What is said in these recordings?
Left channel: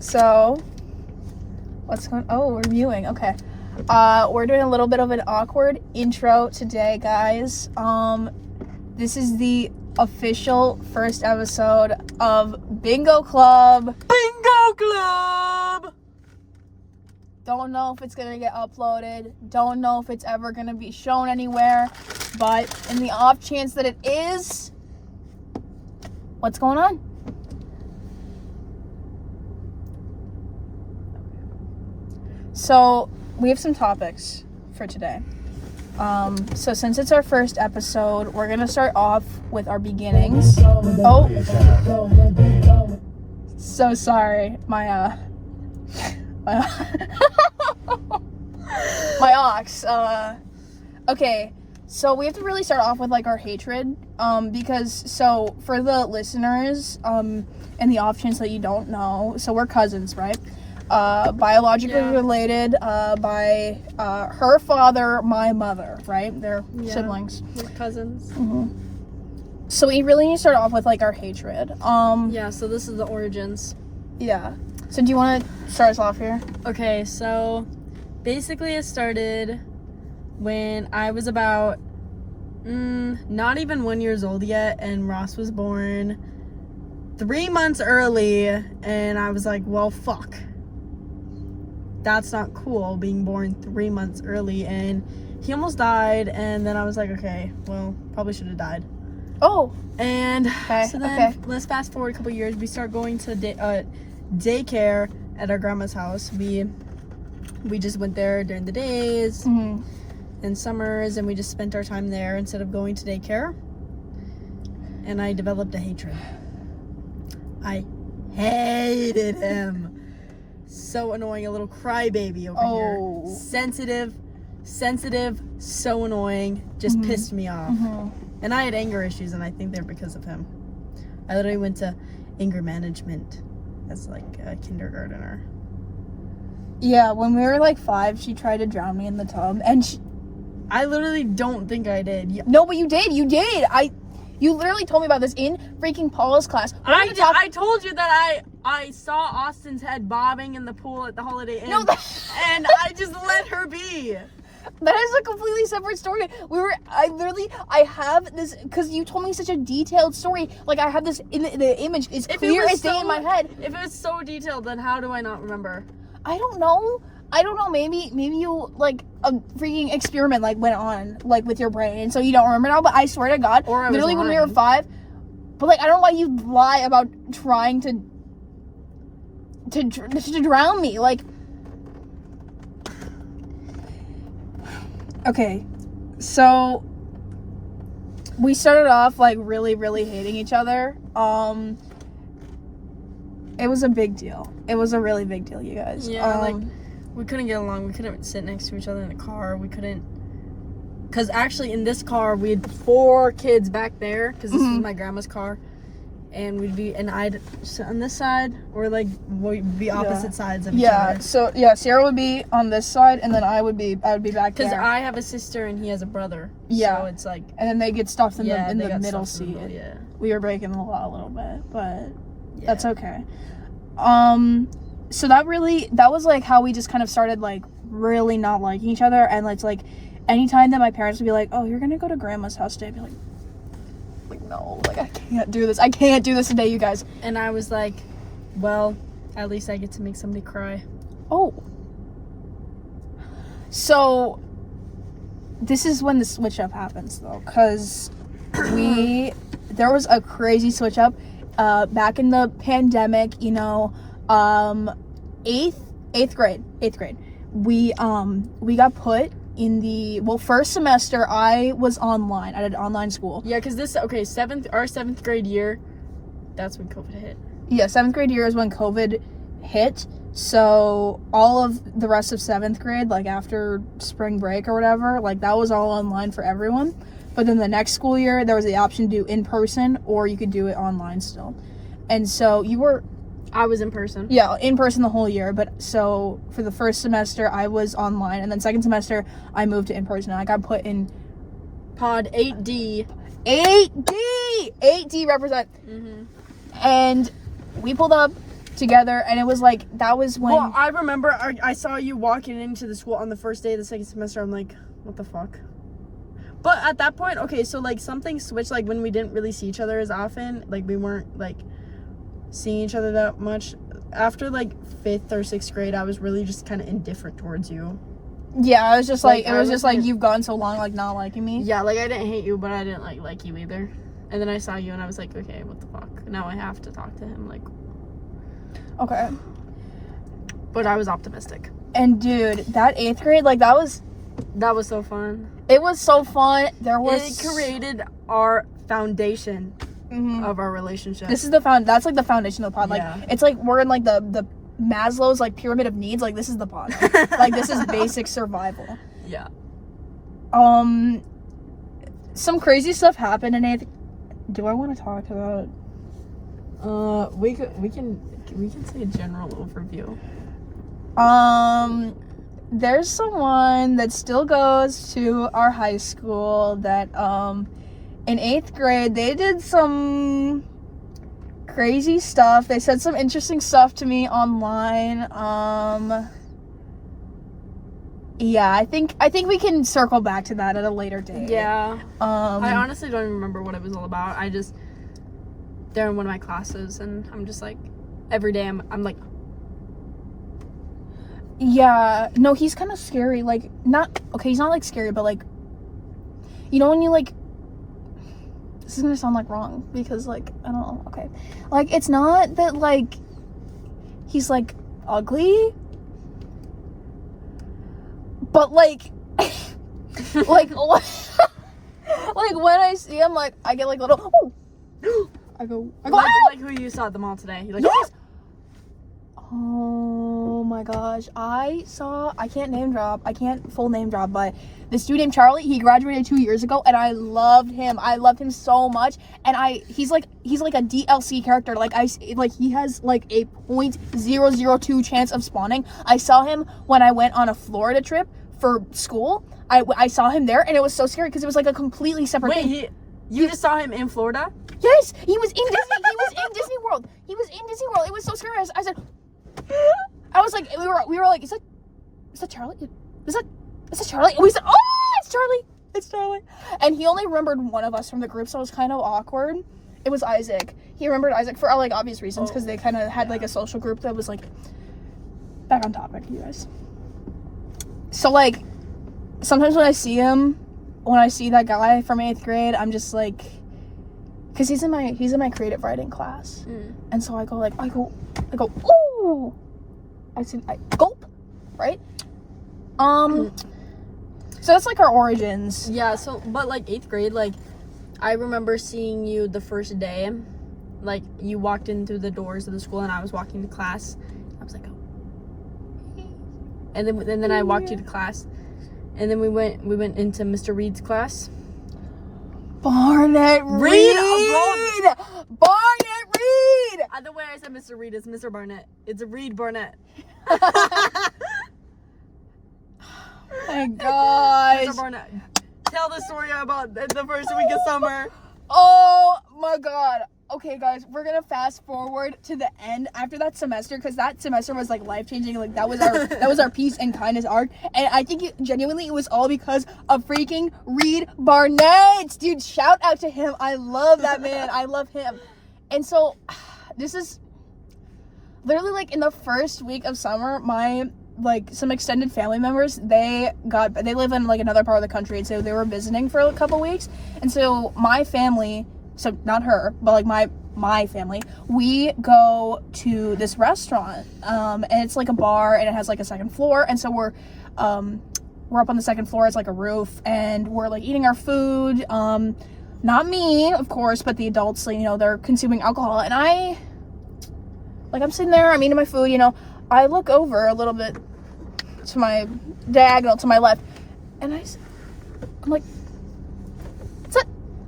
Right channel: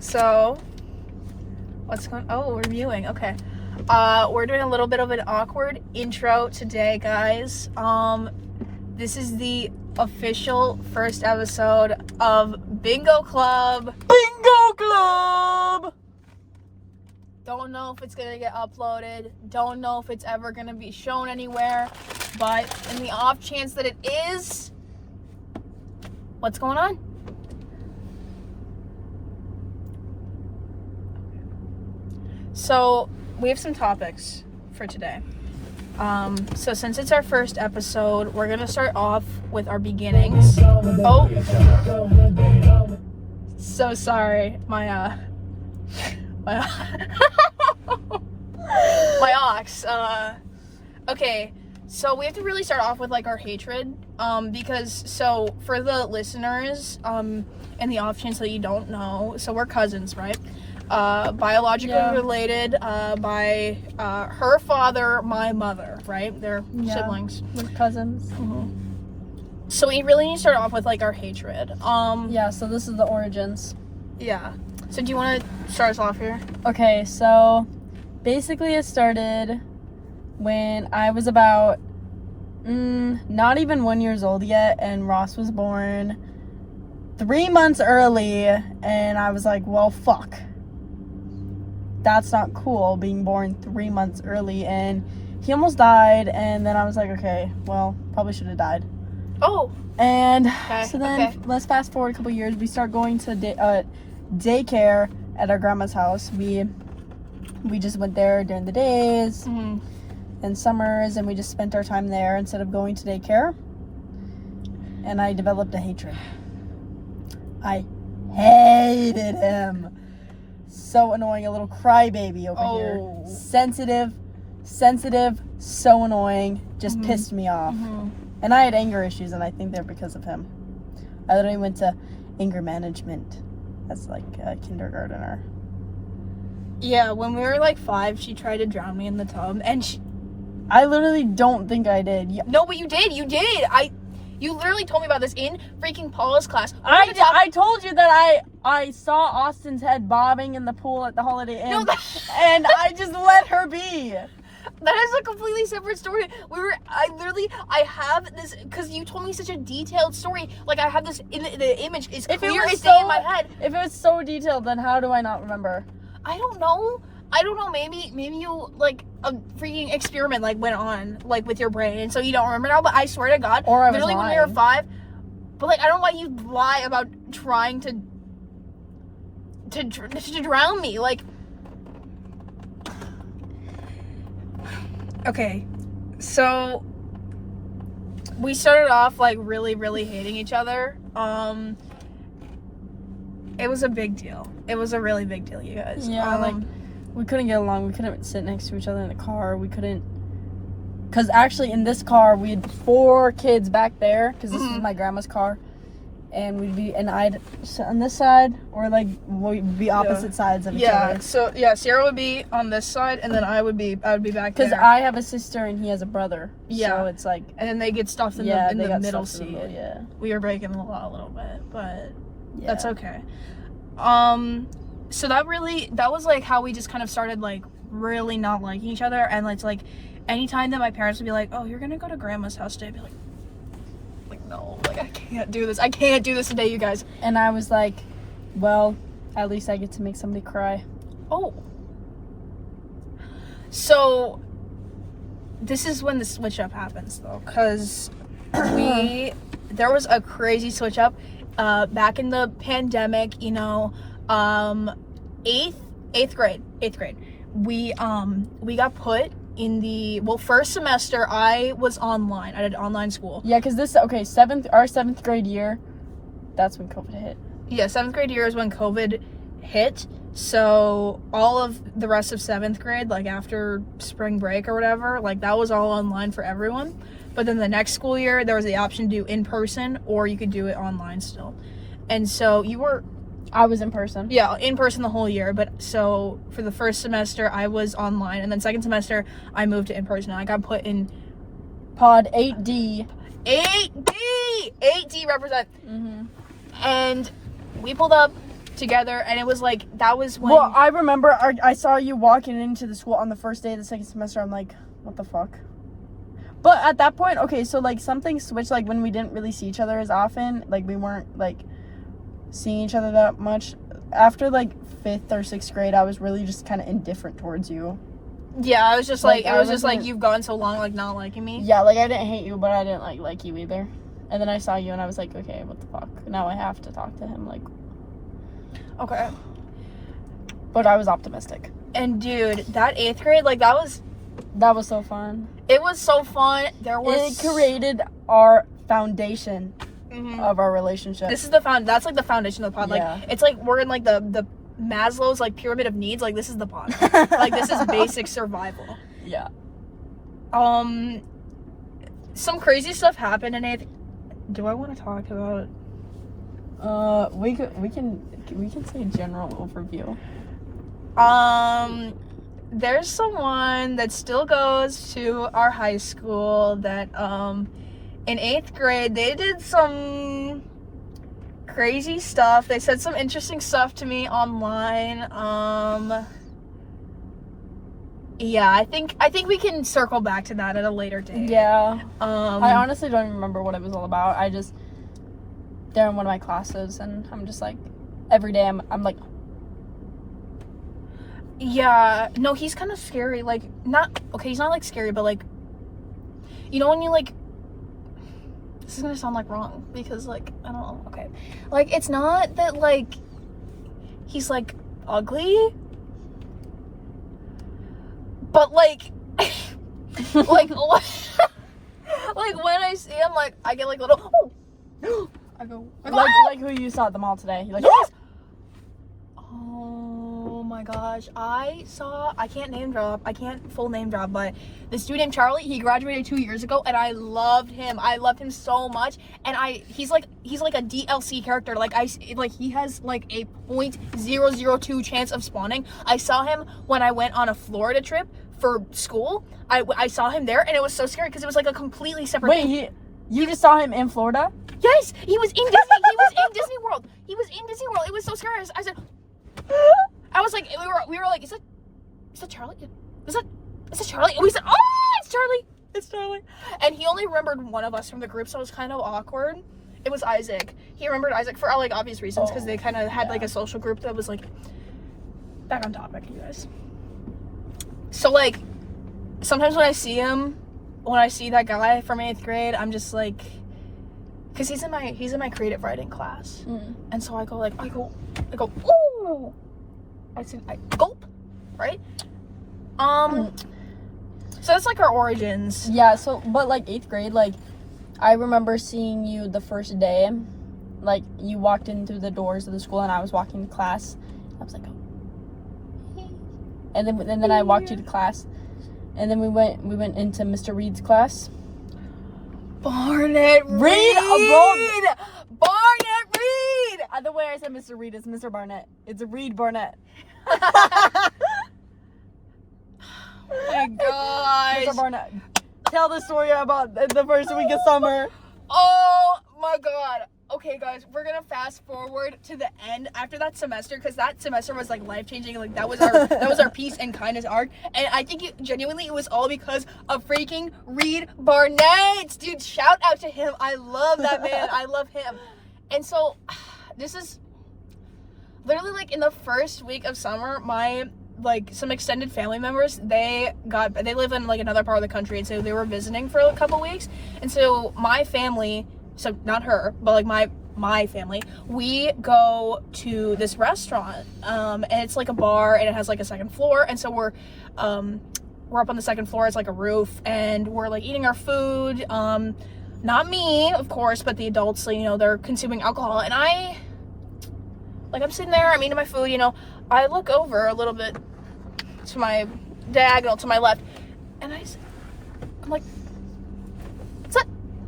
So, what's going? Oh, we're viewing. Okay. We're doing a little bit of an awkward intro today, guys. This is the official first episode of Bingo Club. Bingo Club! Don't know if it's gonna get uploaded. Don't know if it's ever gonna be shown anywhere. But in the off chance that it is, what's going on? So, we have some topics for today. So since it's our first episode, we're gonna start off with our beginnings. Oh, so sorry, my ox. Okay, so we have to really start off with like our hatred, because so for the listeners, and the off chance that you don't know, so we're cousins, right? Biologically related by her father, my mother, right? They're siblings. We're cousins. Mm-hmm. So we really need to start off with like our hatred. Yeah, so this is the origins. Yeah. So do you want to start us off here? Okay, so basically it started when I was about not even 1 year old yet, and Ross was born 3 months early, and I was like, well, fuck. That's not cool, being born 3 months early, and he almost died, and then I was like, okay, well, probably should have died. Oh. And so then, let's fast forward a couple years. We start going to daycare at our grandma's house. We just went there during the days and summers, and we just spent our time there instead of going to daycare. And I developed a hatred. I hated him. So annoying, a little crybaby over here. Sensitive, so annoying. Just pissed me off. And I had anger issues, and I think they're because of him. I literally went to anger management as like a kindergartner. Yeah, when we were like 5, she tried to drown me in the tub, and I literally don't think I did. No, but you did. You literally told me about this in freaking Paula's class. I told you that I saw Austin's head bobbing in the pool at the Holiday Inn, and I just let her be. That is a completely separate story. I have this, because you told me such a detailed story. Like, I have this in the image. It's clear as day in my head. If it was so detailed, then how do I not remember? I don't know. Maybe you, like, a freaking experiment, like, went on, like, with your brain, so you don't remember now, but I swear to God, or I was literally lying. When we were 5, but, like, I don't know why you lie about trying to drown me, like. Okay, so we started off, like, really, really hating each other. It was a big deal. It was a really big deal, you guys. Yeah, like, we couldn't get along. We couldn't sit next to each other in the car. We couldn't, because actually in this car, we had 4 kids back there, because this is my grandma's car, and I'd sit on this side, or, like, we'd be opposite sides of each other. Yeah, so, Sarah would be on this side, and then I would be back there. Because I have a sister, and he has a brother. Yeah. So it's like. And then they get stuffed in the middle seat. Yeah. We were breaking the law a little bit, but that's okay. So that was, like, how we just kind of started, like, really not liking each other, and it's, like, anytime that my parents would be like, oh, you're gonna go to grandma's house today, I'd be like, no, like, I can't do this. I can't do this today, you guys. And I was like, well, at least I get to make somebody cry. Oh. So, this is when the switch up happens, though, because there was a crazy switch up, back in the pandemic, you know, 8th grade, we got put in the, first semester I was online. I did online school. Yeah, because our 7th grade year, that's when COVID hit. Yeah, 7th grade year is when COVID hit. So all of the rest of 7th grade, like after spring break or whatever, like that was all online for everyone. But then the next school year, there was the option to do in person, or you could do it online still. And so I was in person. Yeah, in person the whole year. But so for the first semester, I was online. And then second semester, I moved to in person. And I got put in Pod 8D. 8D! 8D represent. And we pulled up together, and it was like, that was when... Well, I remember I saw you walking into the school on the first day of the second semester. I'm like, what the fuck? But at that point, okay, so, like, something switched, like, when we didn't really see each other as often. Like, we weren't, like, seeing each other that much. After, like, 5th or 6th grade, I was really just kind of indifferent towards you. Yeah, I was just like, it was just like, you've gone so long, like, not liking me. Yeah, like, I didn't hate you, but I didn't, like you either. And then I saw you, and I was like, okay, what the fuck? Now I have to talk to him, like... Okay. But I was optimistic. And, dude, that 8th grade, like, that was so fun. It was so fun. It created our foundation of our relationship. This is that's like the foundation of the pod. Like, it's like we're in like the Maslow's like pyramid of needs. Like, this is the pod. Like, this is basic survival. Yeah. Some crazy stuff happened in 8th. Do I want to talk about? We can say a general overview. There's someone that still goes to our high school that, in 8th grade, they did some crazy stuff. They said some interesting stuff to me online. Yeah, I think we can circle back to that at a later date. Yeah. I honestly don't even remember what it was all about. They're in one of my classes, and I'm just like, every day I'm like, yeah, no, he's kind of scary. Like, he's not like scary, but like, you know when you like, this is gonna sound like wrong because like, I don't know, okay, like, it's not that like he's like ugly, but like like like when I see him, like, I get like little I go like who you saw at the mall today. You're like, yes! Oh my gosh, I can't full name drop, but this dude named Charlie, he graduated 2 years ago, and I loved him so much, and he's like a DLC character. Like, he has like a 0.002 chance of spawning. I saw him when I went on a Florida trip for school. I saw him there, and it was so scary because it was like a completely separate thing. You just saw him in Florida? Yes, he was in Disney. He was in Disney World. It was so scary. I said, I was like, we were like, is that Charlie? Is that Charlie? And we said, oh, it's Charlie. And he only remembered one of us from the group, so it was kind of awkward. It was Isaac. He remembered Isaac for like obvious reasons, because they kind of had like a social group that was like, back on topic, you guys. So like, sometimes when I see that guy from 8th grade, I'm just like, because he's in my creative writing class, and so I go, ooh, I gulp, right? So that's like our origins. Yeah. So, but like 8th grade, like, I remember seeing you the first day, like, you walked in through the doors of the school, and I was walking to class. I was like, oh, and then I walked you to class. And then we went into Mr. Reed's class. Barnett Reed! Barnett Reed! The way I said Mr. Reed is Mr. Barnett. It's Reed Barnett. Oh my gosh. Mr. Barnett. Tell the story about the first week of summer. Oh my god. Okay, guys, we're gonna fast forward to the end after that semester, because that semester was like life-changing. Like, that was our peace and kindness arc, and I think genuinely it was all because of freaking Reed Barnett. Dude, shout out to him. I love that man. I love him. And so this is literally like in the first week of summer, my like some extended family members, they live in like another part of the country, and so they were visiting for a couple weeks. And so my family, so not her, but like my family, we go to this restaurant, and it's like a bar, and it has like a second floor, and so we're up on the second floor. It's like a roof, and we're like eating our food, not me, of course, but the adults, you know, they're consuming alcohol, and I'm sitting there, I'm eating my food, you know, I look over a little bit to my diagonal, to my left, and I'm like,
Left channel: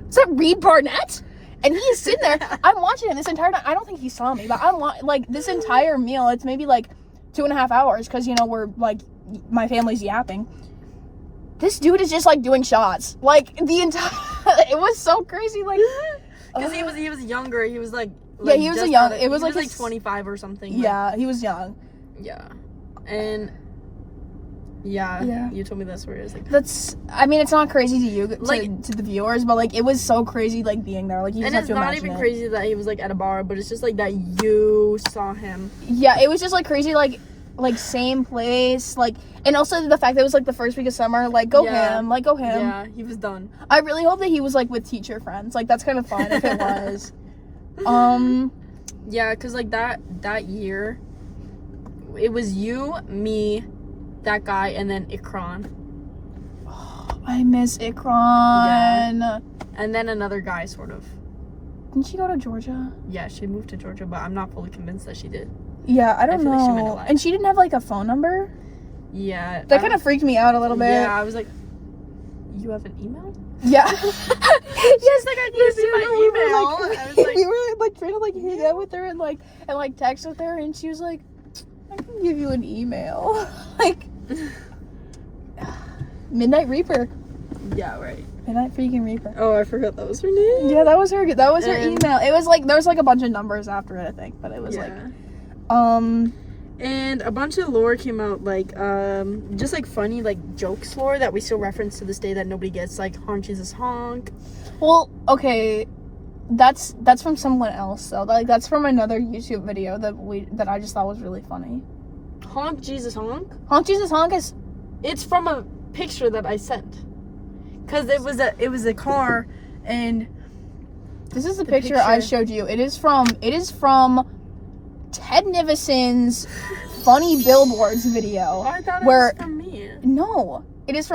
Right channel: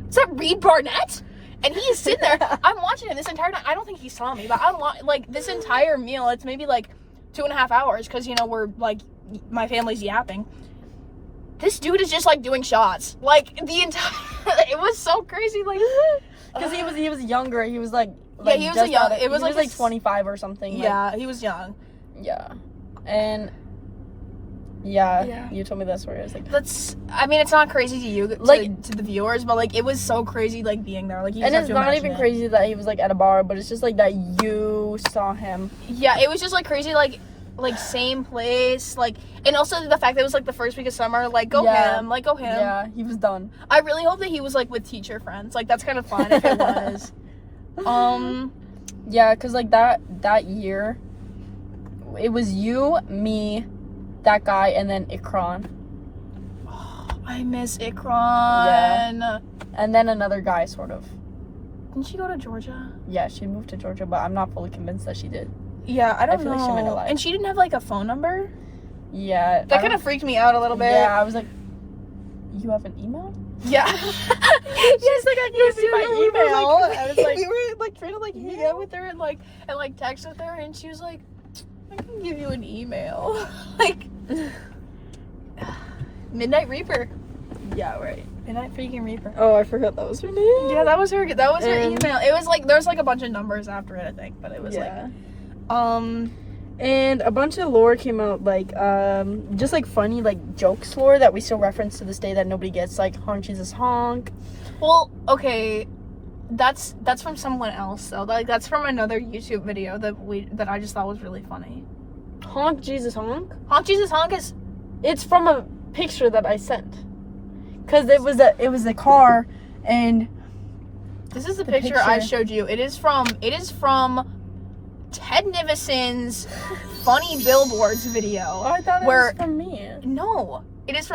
is that Reed Barnett? And he's sitting there. I'm watching him this entire time. I don't think he saw me, but I'm like, this entire meal, it's maybe like 2.5 hours, because, you know, we're like, my family's yapping. This dude is just like doing shots, like the entire. It was so crazy. Like, Because he was younger. He was like he was young. It was like 25 or something. Yeah, he was young. Yeah, and you told me that story. I was like, it's not crazy to you, to the viewers, but like it was so crazy, like being there. Like, you just and it's not even crazy that he was like at a bar, but it's just like that you saw him. Yeah, it was just like crazy, like same place, like, and also the fact that it was like the first week of summer, like go him. Yeah, he was done. I really hope that he was like with teacher friends. Like, that's kind of fun if it was. Yeah, because like that year, it was you, me, that guy, and then Ikran. I miss Ikran. Yeah. And then another guy, sort of. Didn't she go to Georgia? Yeah, she moved to Georgia, but I'm not fully convinced that she did. Yeah, I don't know. Like she might have lied. And she didn't have like a phone number? Yeah. That kind of freaked me out a little bit. Yeah, I was like, you have an email? Yeah. Yes, like I gave you my email. I was like, we were like trying to like hang out with her and text with her, and she was like, I can give you an email. Like, Midnight Reaper. Yeah, right. Midnight freaking Reaper. Oh, I forgot that was her name. Yeah, that was her email. It was like there's like a bunch of numbers after it, I think, but it was and a bunch of lore came out, like just like funny like jokes lore that we still reference to this day that nobody gets, like honk Jesus honk. Well, okay, that's from someone else though. Like, that's from another YouTube video that I just thought was really funny. Honk Jesus honk. Honk Jesus honk is. It's from a picture that I sent. Cause it was a car, and this is the picture I showed you. It is from Ted Nivison's funny billboards video. Oh, I thought it was from me. No, it is,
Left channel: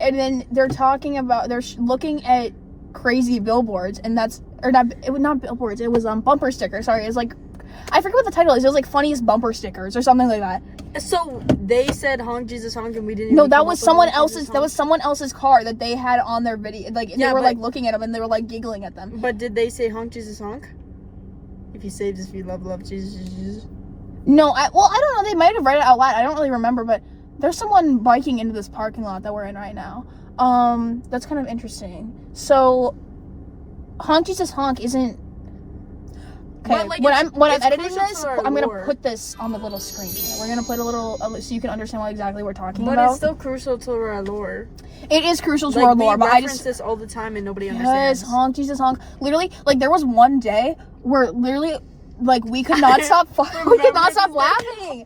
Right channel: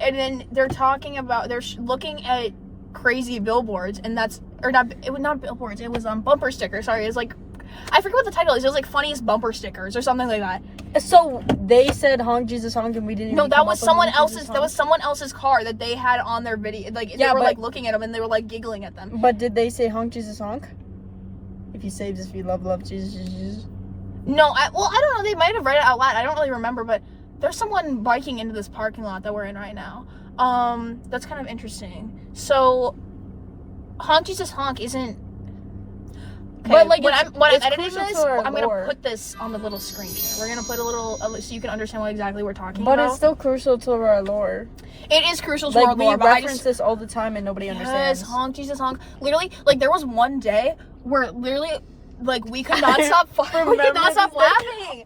and then they're talking about, they're looking at crazy billboards, and not billboards, it was bumper stickers. Sorry, it's like, I forget what the title is. It was like funniest bumper stickers or something like that. So they said honk Jesus honk, and we didn't. No, that was someone else's. That was someone else's car that they had on their video. Like, they were like looking at them, and they were like giggling at them. But did they say honk Jesus honk? If you save this, if you love Jesus. No, I don't know. They might have read it out loud. I don't really remember, but there's someone biking into this parking lot that we're in right now. That's kind of interesting. So, honk Jesus honk isn't. Okay, but like when I'm editing this, I'm lore. gonna put this on the little screen here. We're gonna put a little so you can understand what exactly we're talking about. But it's still crucial to our lore. It is crucial to our lore. But I reference this all the time and nobody understands. Yes, honk Jesus honk. Literally, like there was one day where literally, like we could not stop. We could not stop laughing.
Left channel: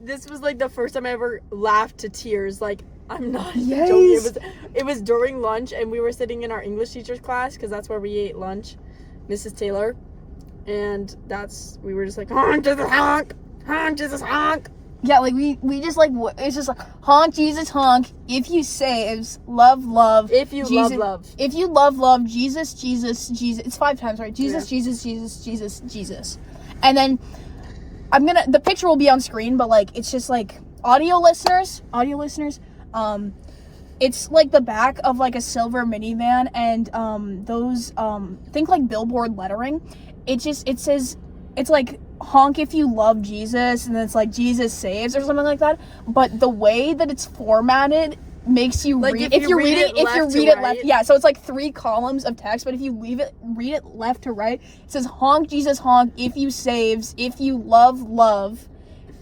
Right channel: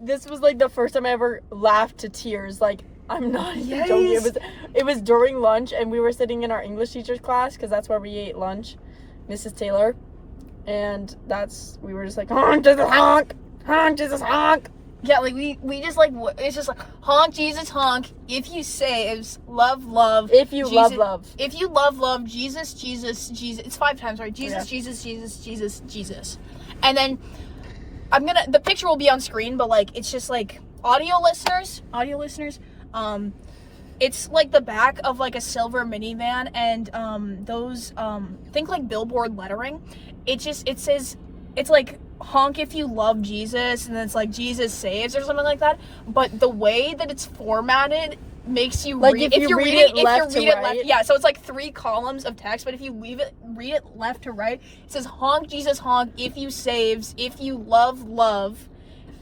This was like the first time I ever laughed to tears. Like, I'm not even joking. It was during lunch, and we were sitting in our English teacher's class because that's where we ate lunch, Mrs. Taylor. And we were just like, honk Jesus honk, honk Jesus honk. Yeah, like we just like, it's just like honk Jesus honk. If you saves, love. If you Jesus, love. If you love Jesus. It's 5 times, right? Jesus, yeah. Jesus. And then the picture will be on screen, but like it's just like audio listeners. It's like the back of like a silver minivan, and those think like billboard lettering. It says, it's like honk if you love Jesus, and then it's like Jesus saves or something like that. But the way that it's formatted makes you like read, if you read it left, yeah, so it's like 3 columns of text, but if you read it left to right, it says honk Jesus honk if you saves, if you love,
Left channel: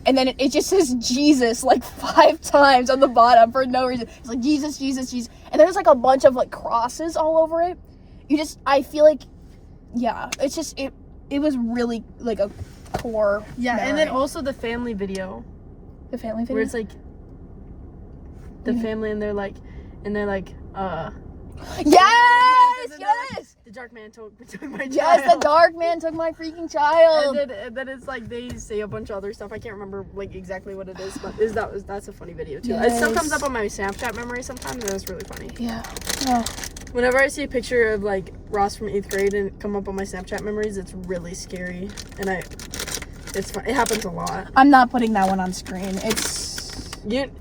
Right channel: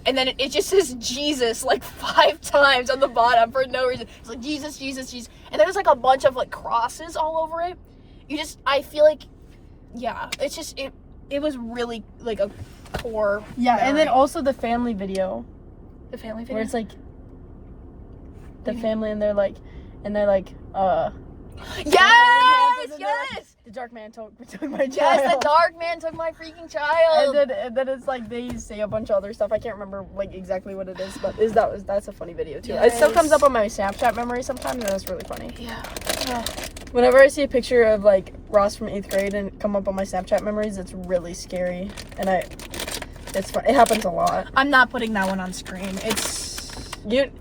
and then it just says Jesus like 5 times on the bottom for no reason. It's like Jesus, and there's like a bunch of like crosses all over it. I feel like, yeah, it's just it was really like a core memory. And then also the family video. The family video? Where it's like the family, and they're like Yes! The dark man took my child. Yes, the dark man took my freaking child. And then it's like they say a bunch of other stuff. I can't remember like exactly what it is, but that's a funny video too. Yes. It still comes up on my Snapchat memory sometimes, and it's really funny. Yeah. Whenever I see a picture of like Ross from 8th grade and come up on my Snapchat memories, it's really scary, and it's fun. It happens a lot. I'm not putting that one on screen.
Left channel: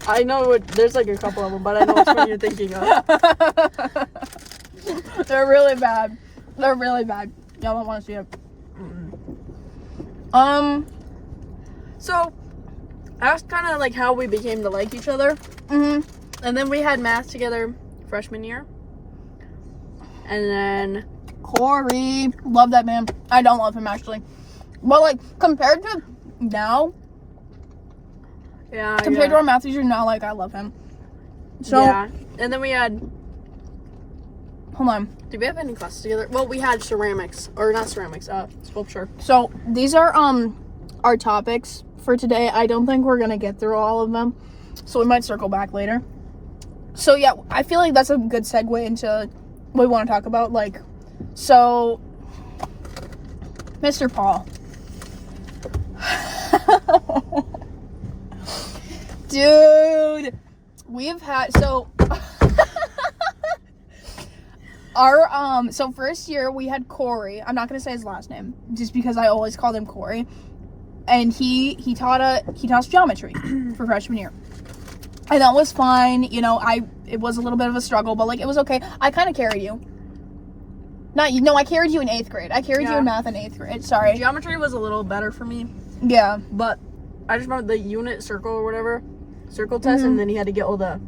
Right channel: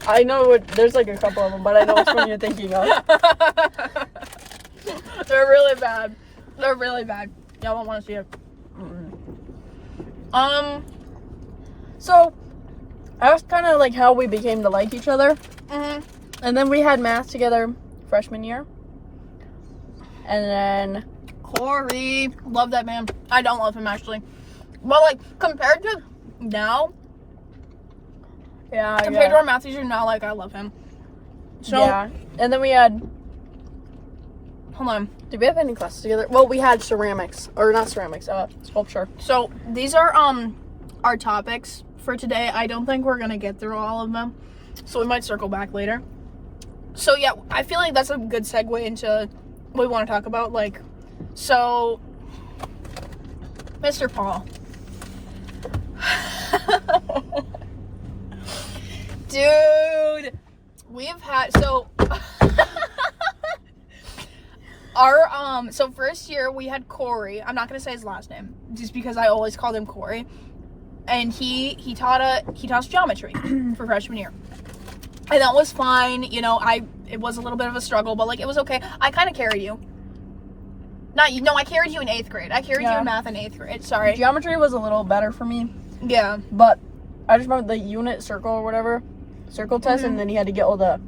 I know there's like a couple of them, but I know which one you're thinking of. They're really bad. Y'all don't want to see it. So that was kind of like how we became to like each other. Mm-hmm. And then we had math together freshman year. And then Corey. Love that man. I don't love him, actually. But, like, compared to now, compared to our math teacher now, like, I love him. So, yeah. And then we had... Hold on. Did we have any classes together? Well, we had ceramics. Or not ceramics, sculpture. So, these are, our topics for today. I don't think we're gonna get through all of them. So, we might circle back later. So, yeah, I feel like that's a good segue into what we want to talk about. Like, so, Mr. Paul. Dude, we've had, so, so first year we had Corey. I'm not going to say his last name, just because I always called him Corey. And he taught us geometry for freshman year. And that was fine, you know, it was a little bit of a struggle, but, like, it was okay. I kind of carried you. I carried you in 8th grade. I carried you in math in 8th grade, sorry. Geometry was a little better for me. Yeah. But I just remember the unit circle or whatever, circle test, and then you had to get all the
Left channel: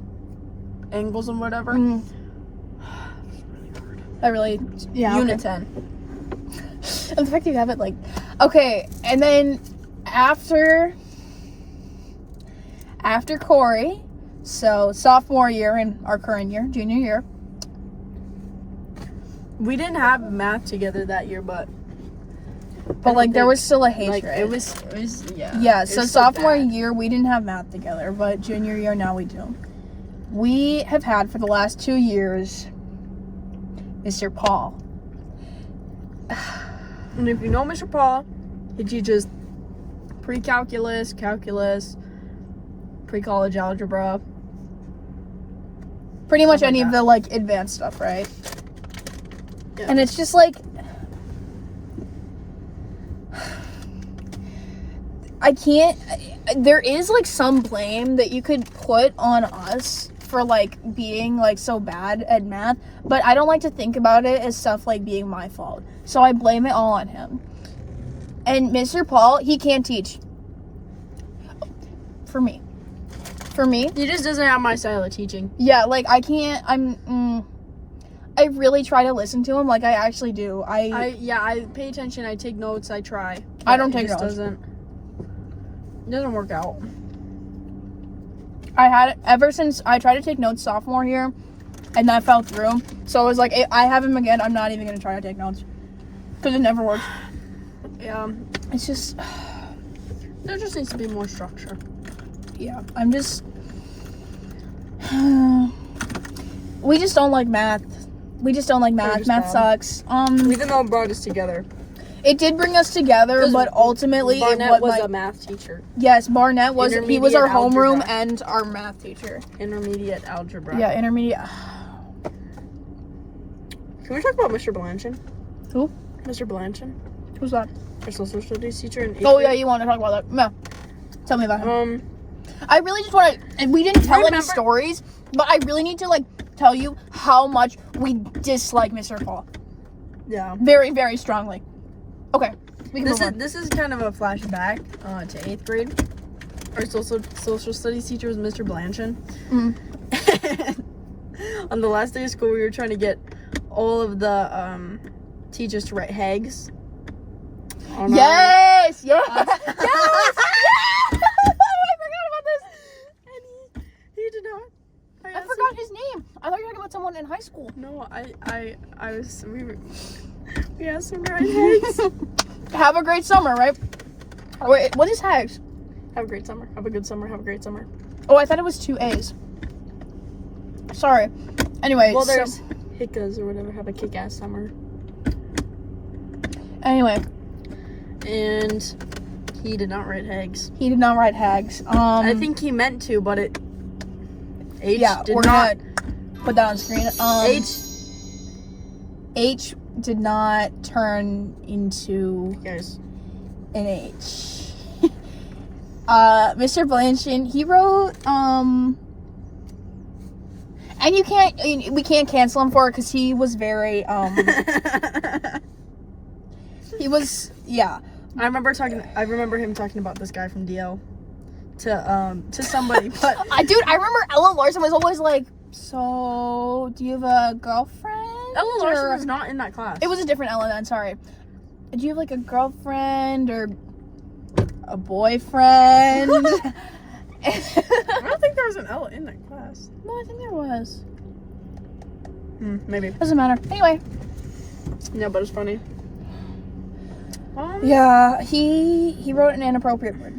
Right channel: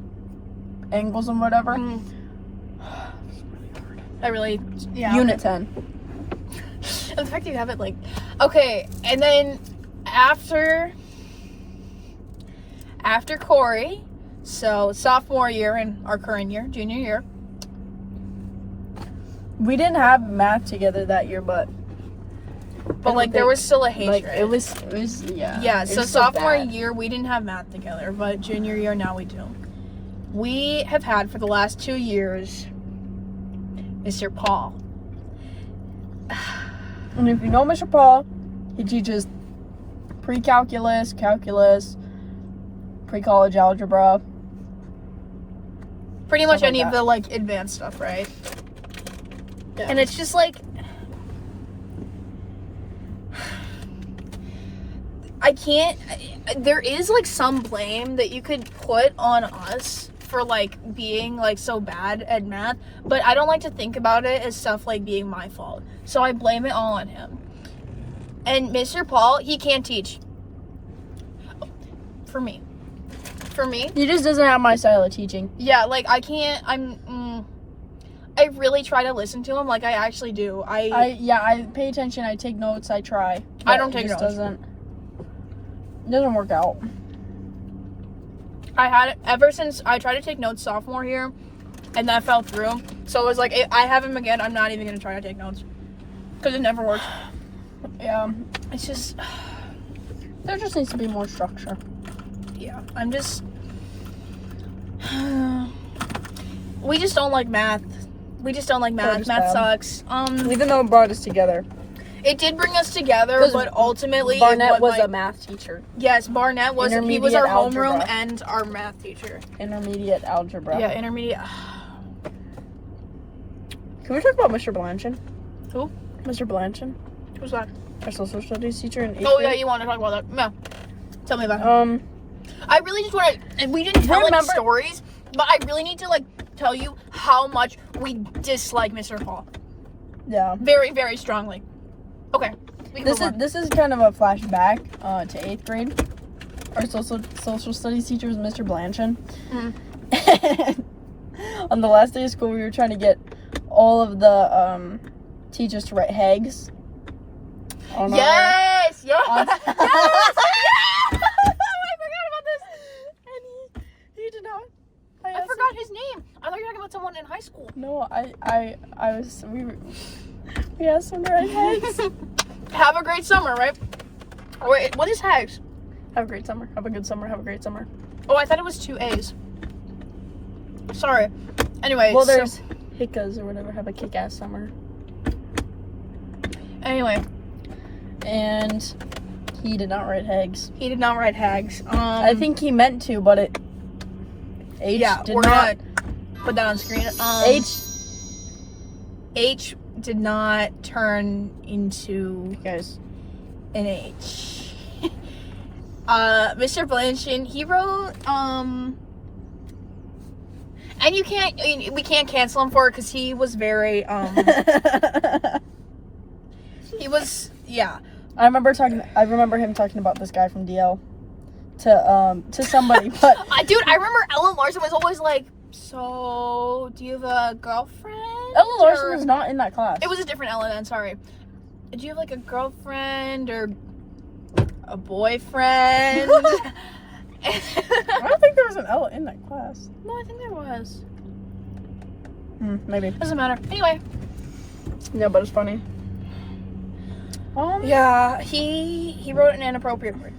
angles and whatever. Unit 10. And the fact that you have it, like, okay, and then after Corey, so sophomore year and our current year, junior year. We didn't have math together that year, but like, there was still a hatred. Like, it was yeah. Yeah, so sophomore year, we didn't have math together, but junior year, now we do. We have had, for the last 2 years, Mr. Paul. And if you know Mr. Paul, he teaches pre-calculus, calculus, pre-college algebra. Pretty much any of the, like, advanced stuff, right? Yeah. And it's just, like, there is, like, some blame that you could put on us for, like, being, like, so bad at math, but I don't like to think about it as stuff, like, being my fault. So I blame it all on him. And Mr. Paul, he can't teach. For me. He just doesn't have my style of teaching. Yeah, like, I can't, I really try to listen to him, like, I actually do. I pay attention, I take notes, I try. I don't take notes. It doesn't work out. Ever since I tried to take notes sophomore year, and that fell through, so I was like, I have him again, I'm not even going to try to take notes. Because it never works. Yeah. It's just, there just needs to be more structure. Yeah, I'm just, we just don't like math. Math sucks. Even though it brought us together. It did bring us together, but ultimately Barnett was a math teacher. Yes, Barnett was. He was our homeroom and our math teacher. Intermediate algebra. Yeah, intermediate. Can we talk about Mr. Blanchard? Who? Mr. Blanchard. Who's that? Our social studies teacher in 8th Oh, grade. yeah, you want to talk about that? No. Tell me about him. I really just want to, and we didn't tell any stories, but I really need to, like, tell you how much we dislike Mr. Paul. Yeah. Very, very strongly. Okay. This is kind of a flashback to 8th grade. Our social studies teacher was Mr. Blanchard. And on the last day of school, we were trying to get all of the teachers to write Hags. Yes! Yes! Yes! I forgot about this. And he did not. I forgot his name. I thought you were talking about someone in high school. No, we asked him to write Hags. Have a great summer, right? Wait, what is Hags? Have a great summer. Have a good summer. Have a great summer. Oh, I thought it was 2 A's. Sorry. Anyway, well, there's Hickas or whatever. Have a kick-ass summer. Anyway. And he did not write Hags. He did not write Hags. I think he meant to, but it... we're not put that on screen. H did not turn into an H. Mr. Blanchard, he wrote, and we can't cancel him for it because he was very, I remember him talking about this guy from DL to somebody, but dude, I remember Ellen Larson was always like, so do you have a girlfriend? Ella Larson was not in that class. It was a different Ella then, sorry. Did you have like a girlfriend or a boyfriend? I don't think there was an Ella in that class. No, I think there was. Maybe. Doesn't matter. Anyway. Yeah, but it's funny. Yeah, he wrote an inappropriate word.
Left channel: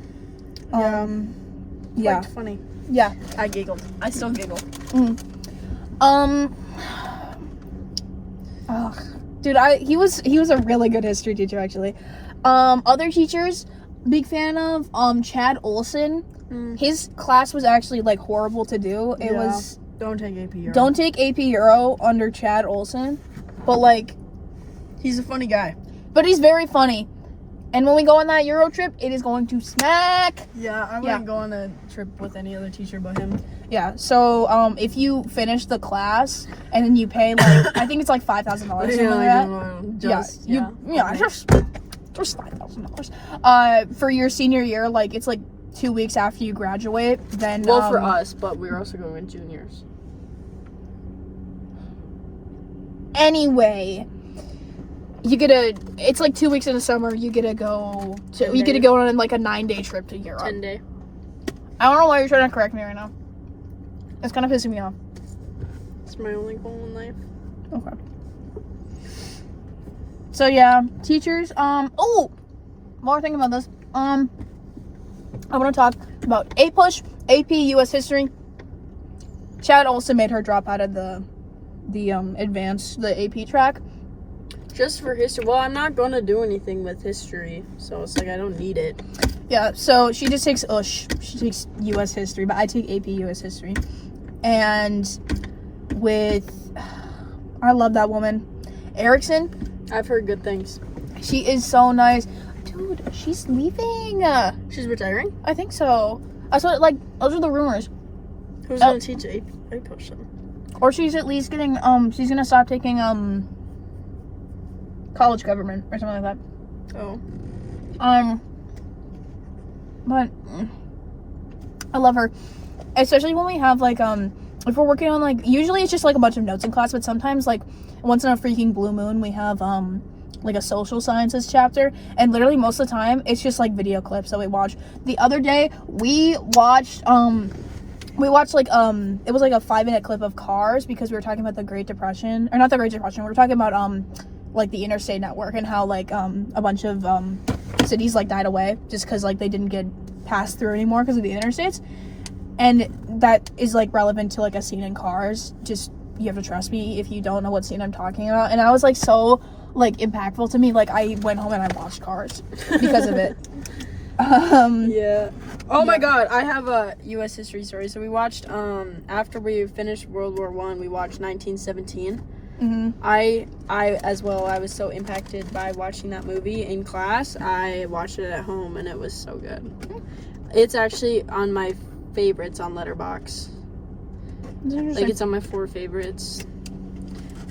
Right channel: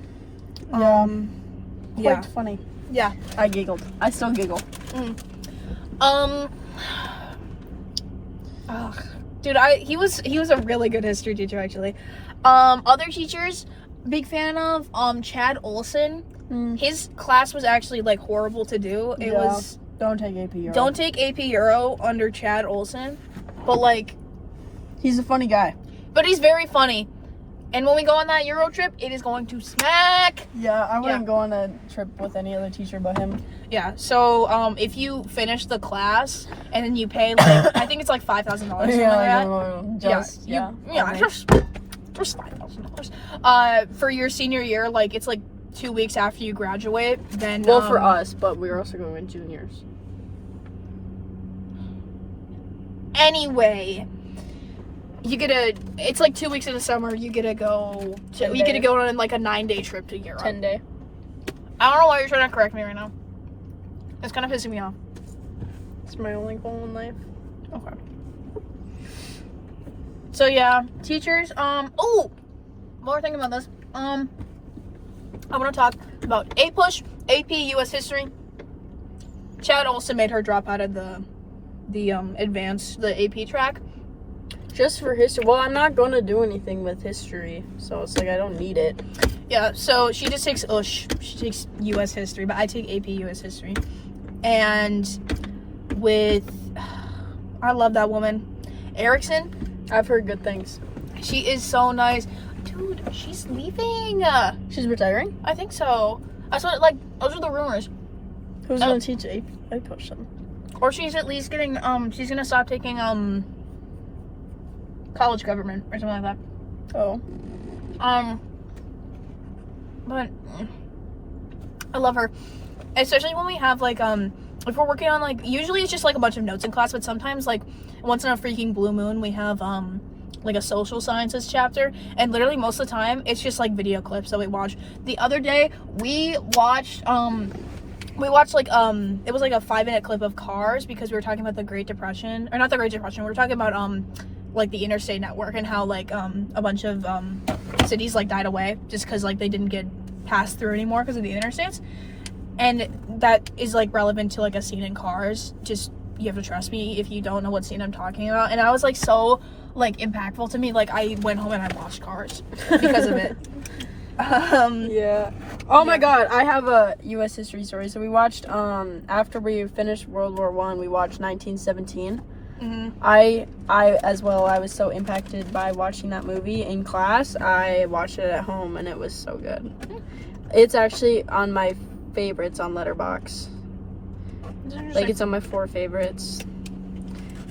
Quite funny. Yeah. I giggled. I still giggle. Dude, he was a really good history teacher actually. Other teachers, big fan of Chad Olson. His class was actually like horrible to do. It was don't take AP Euro. Don't take AP Euro under Chad Olson. But like he's a funny guy. But he's very funny. And when we go on that Euro trip, it is going to smack. Yeah, I wouldn't go on a trip with any other teacher but him. Yeah, so if you finish the class and then you pay like I think it's like $5,000 something like that. Just $5,000. For your senior year, like it's like 2 weeks after you graduate. Then well, for us, but we were also going with juniors. Anyway, it's like 2 weeks in the summer. You get to go on like a 9-day trip to Europe. 10-day. I don't know why you're trying to correct me right now. That's kind of pissing me off. It's my only goal in life. Okay. So yeah, teachers. Oh, more thing about this. I want to talk about A-Push, AP U.S. History. Chad also made her drop out of the advanced, the AP track. Just for history. Well, I'm not going to do anything with history, so it's like I don't need it. Yeah, so she just takes She takes U.S. History, but I take AP U.S. History. And I love that woman. Erickson. I've heard good things. She is so nice. Dude, she's leaving. She's retiring? I think so. I saw it, like, those are the rumors. Who's going to teach A-Push then? Or she's at least getting, she's going to stop taking, college government or something like that. Oh. But I love her. Especially when we have, like, if we're working on, like, usually it's just, like, a bunch of notes in class, but sometimes, like, once in a freaking blue moon, we have, like, a social sciences chapter, and literally most of the time, it's just, like, video clips that we watch. The other day, we watched, like, it was, like, a 5-minute clip of Cars, because we were talking about the Great Depression, or not the Great Depression, we were talking about, like, the interstate network, and how, like, a bunch of, cities, like, died away, just because, like, they didn't get passed through anymore because of the interstates. And that is, like, relevant to, like, a scene in Cars. Just, you have to trust me if you don't know what scene I'm talking about. And I was, like, so, like, impactful to me. Like, I went home and I watched Cars because of it. Yeah. Oh my God, I have a U.S. history story. So we watched, after we finished World War I, we watched 1917. Mm-hmm. I as well, I was so impacted by watching that movie in class. I watched it at home and it was so good. It's actually on my favorites on Letterboxd. Like, it's on my 4 favorites.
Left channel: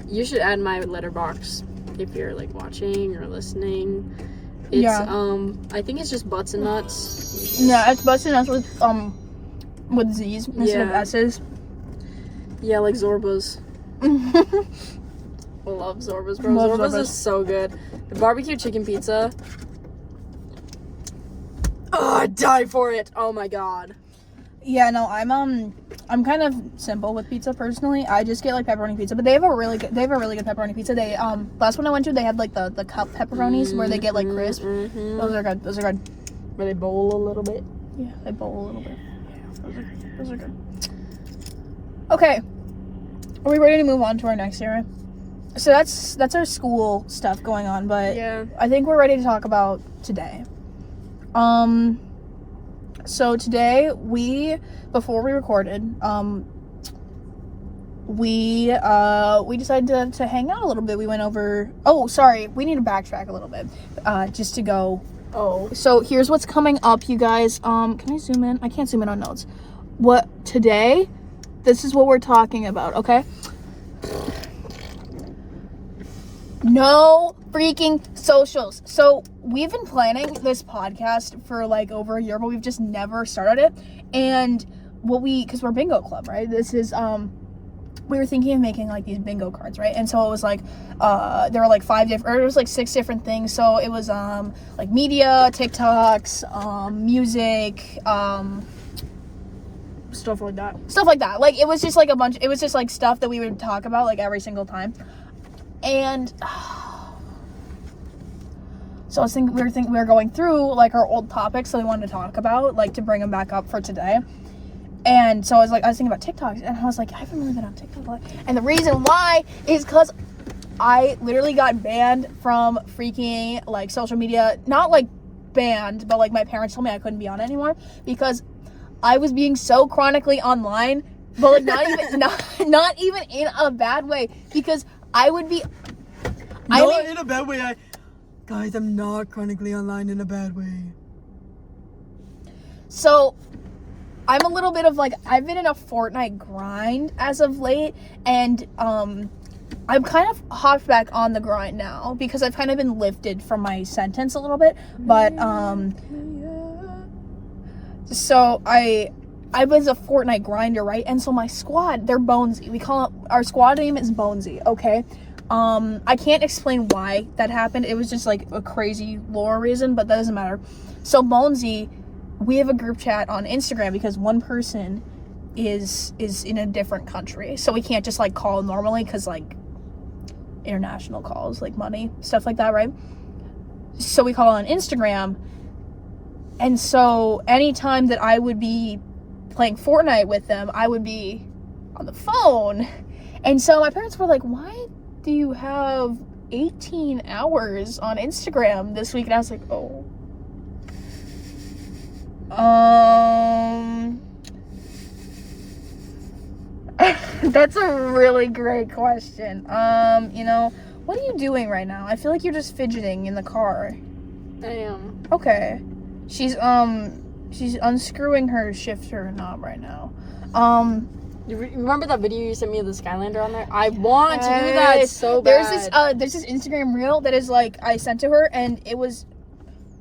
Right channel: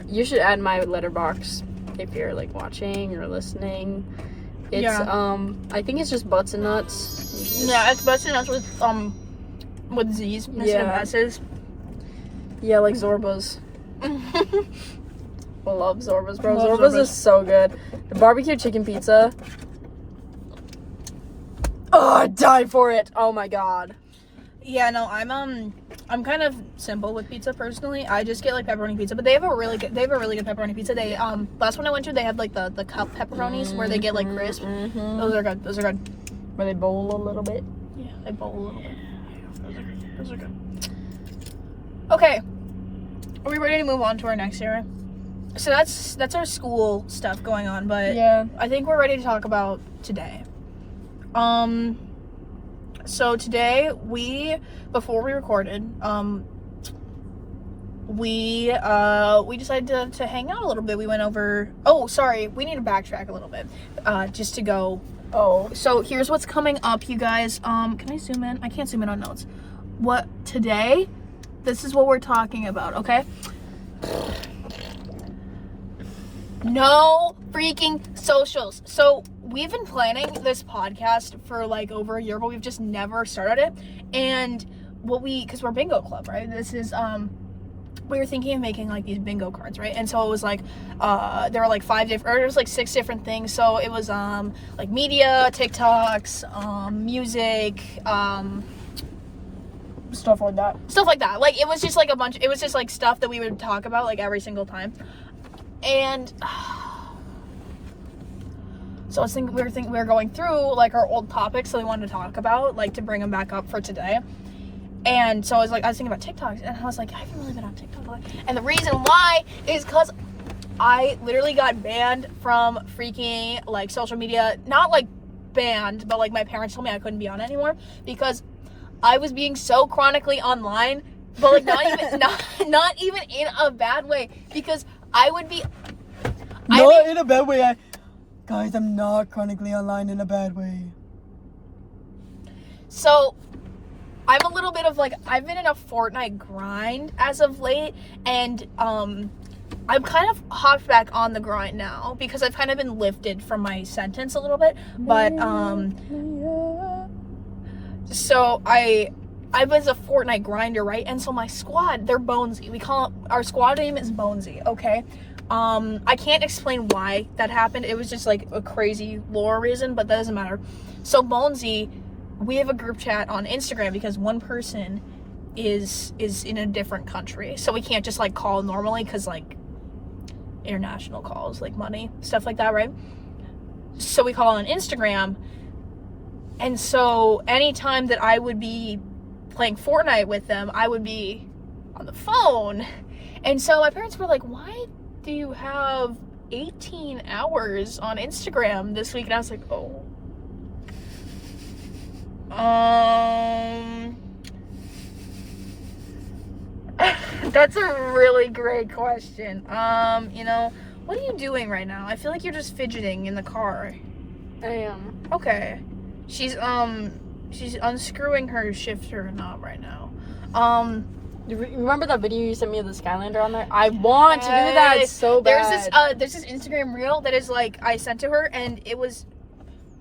You should add my Letterboxd if you're, like, watching or listening. It's I think it's just Butts and Nuts. Yeah, it's Butts and Nuts with Z's instead of S's. Yeah, like Zorba's. I love Zorba's, bro. Zorba's is so good. The barbecue chicken pizza. Oh, I'd die for it. Oh my God. Yeah, no, I'm kind of simple with pizza personally. I just get like pepperoni pizza, but they have a really good pepperoni pizza. They last one I went to, they had like the cup pepperonis where they get like crisp. Mm-hmm. Those are good. Where they bowl a little bit. Yeah, they bowl a little bit. Yeah, those are good. Okay. Are we ready to move on to our next era? So that's our school stuff going on, but yeah, I think we're ready to talk about today. So today before we recorded, we decided to hang out a little bit. We went over. Oh, sorry, we need to backtrack a little bit, just to go. Oh, so here's what's coming up, you guys. Can I zoom in? I can't zoom in on notes. Today? This is what we're talking about, okay? No freaking socials. So we've been planning this podcast for like over a year, but we've just never started it. And because we're bingo club, right? This is we were thinking of making like these bingo cards, right? And so it was like there were like 6 different things. So it was like media, TikToks, music, Stuff like that. Like it was just like it was just like stuff that we would talk about like every single time. And so we were going through like our old topics that we wanted to talk about, like to bring them back up for today. And so I was thinking about TikToks, and I was like, I haven't really been on TikTok a lot. And the reason why is because I literally got banned from freaking like social media. Not like banned, but like my parents told me I couldn't be on it anymore because I was being so chronically online, but like not even in a bad way, because I would be in a bad way. Guys, I'm not chronically online in a bad way. So I'm a little bit of like, I've been in a Fortnite grind as of late, and I'm kind of hopped back on the grind now because I've kind of been lifted from my sentence a little bit, but so I was a Fortnite grinder, right? And so my squad, they're Bonesy. Our squad name is Bonesy, okay? I can't explain why that happened. It was just like a crazy lore reason, but that doesn't matter. So Bonesy, we have a group chat on Instagram because one person is in a different country. So we can't just like call normally because like international calls, like money, stuff like that, right? So we call on Instagram. And so anytime that I would be playing Fortnite with them, I would be on the phone. And so my parents were like, why do you have 18 hours on Instagram this week? And I was like, oh. That's a really great question. What are you doing right now? I feel like you're just fidgeting in the car. I am. Okay. She's unscrewing her shifter knob right now. You remember that video you sent me of the Skylander on there? I want to do that so bad. There's this Instagram reel that is like, I sent to her, and it was,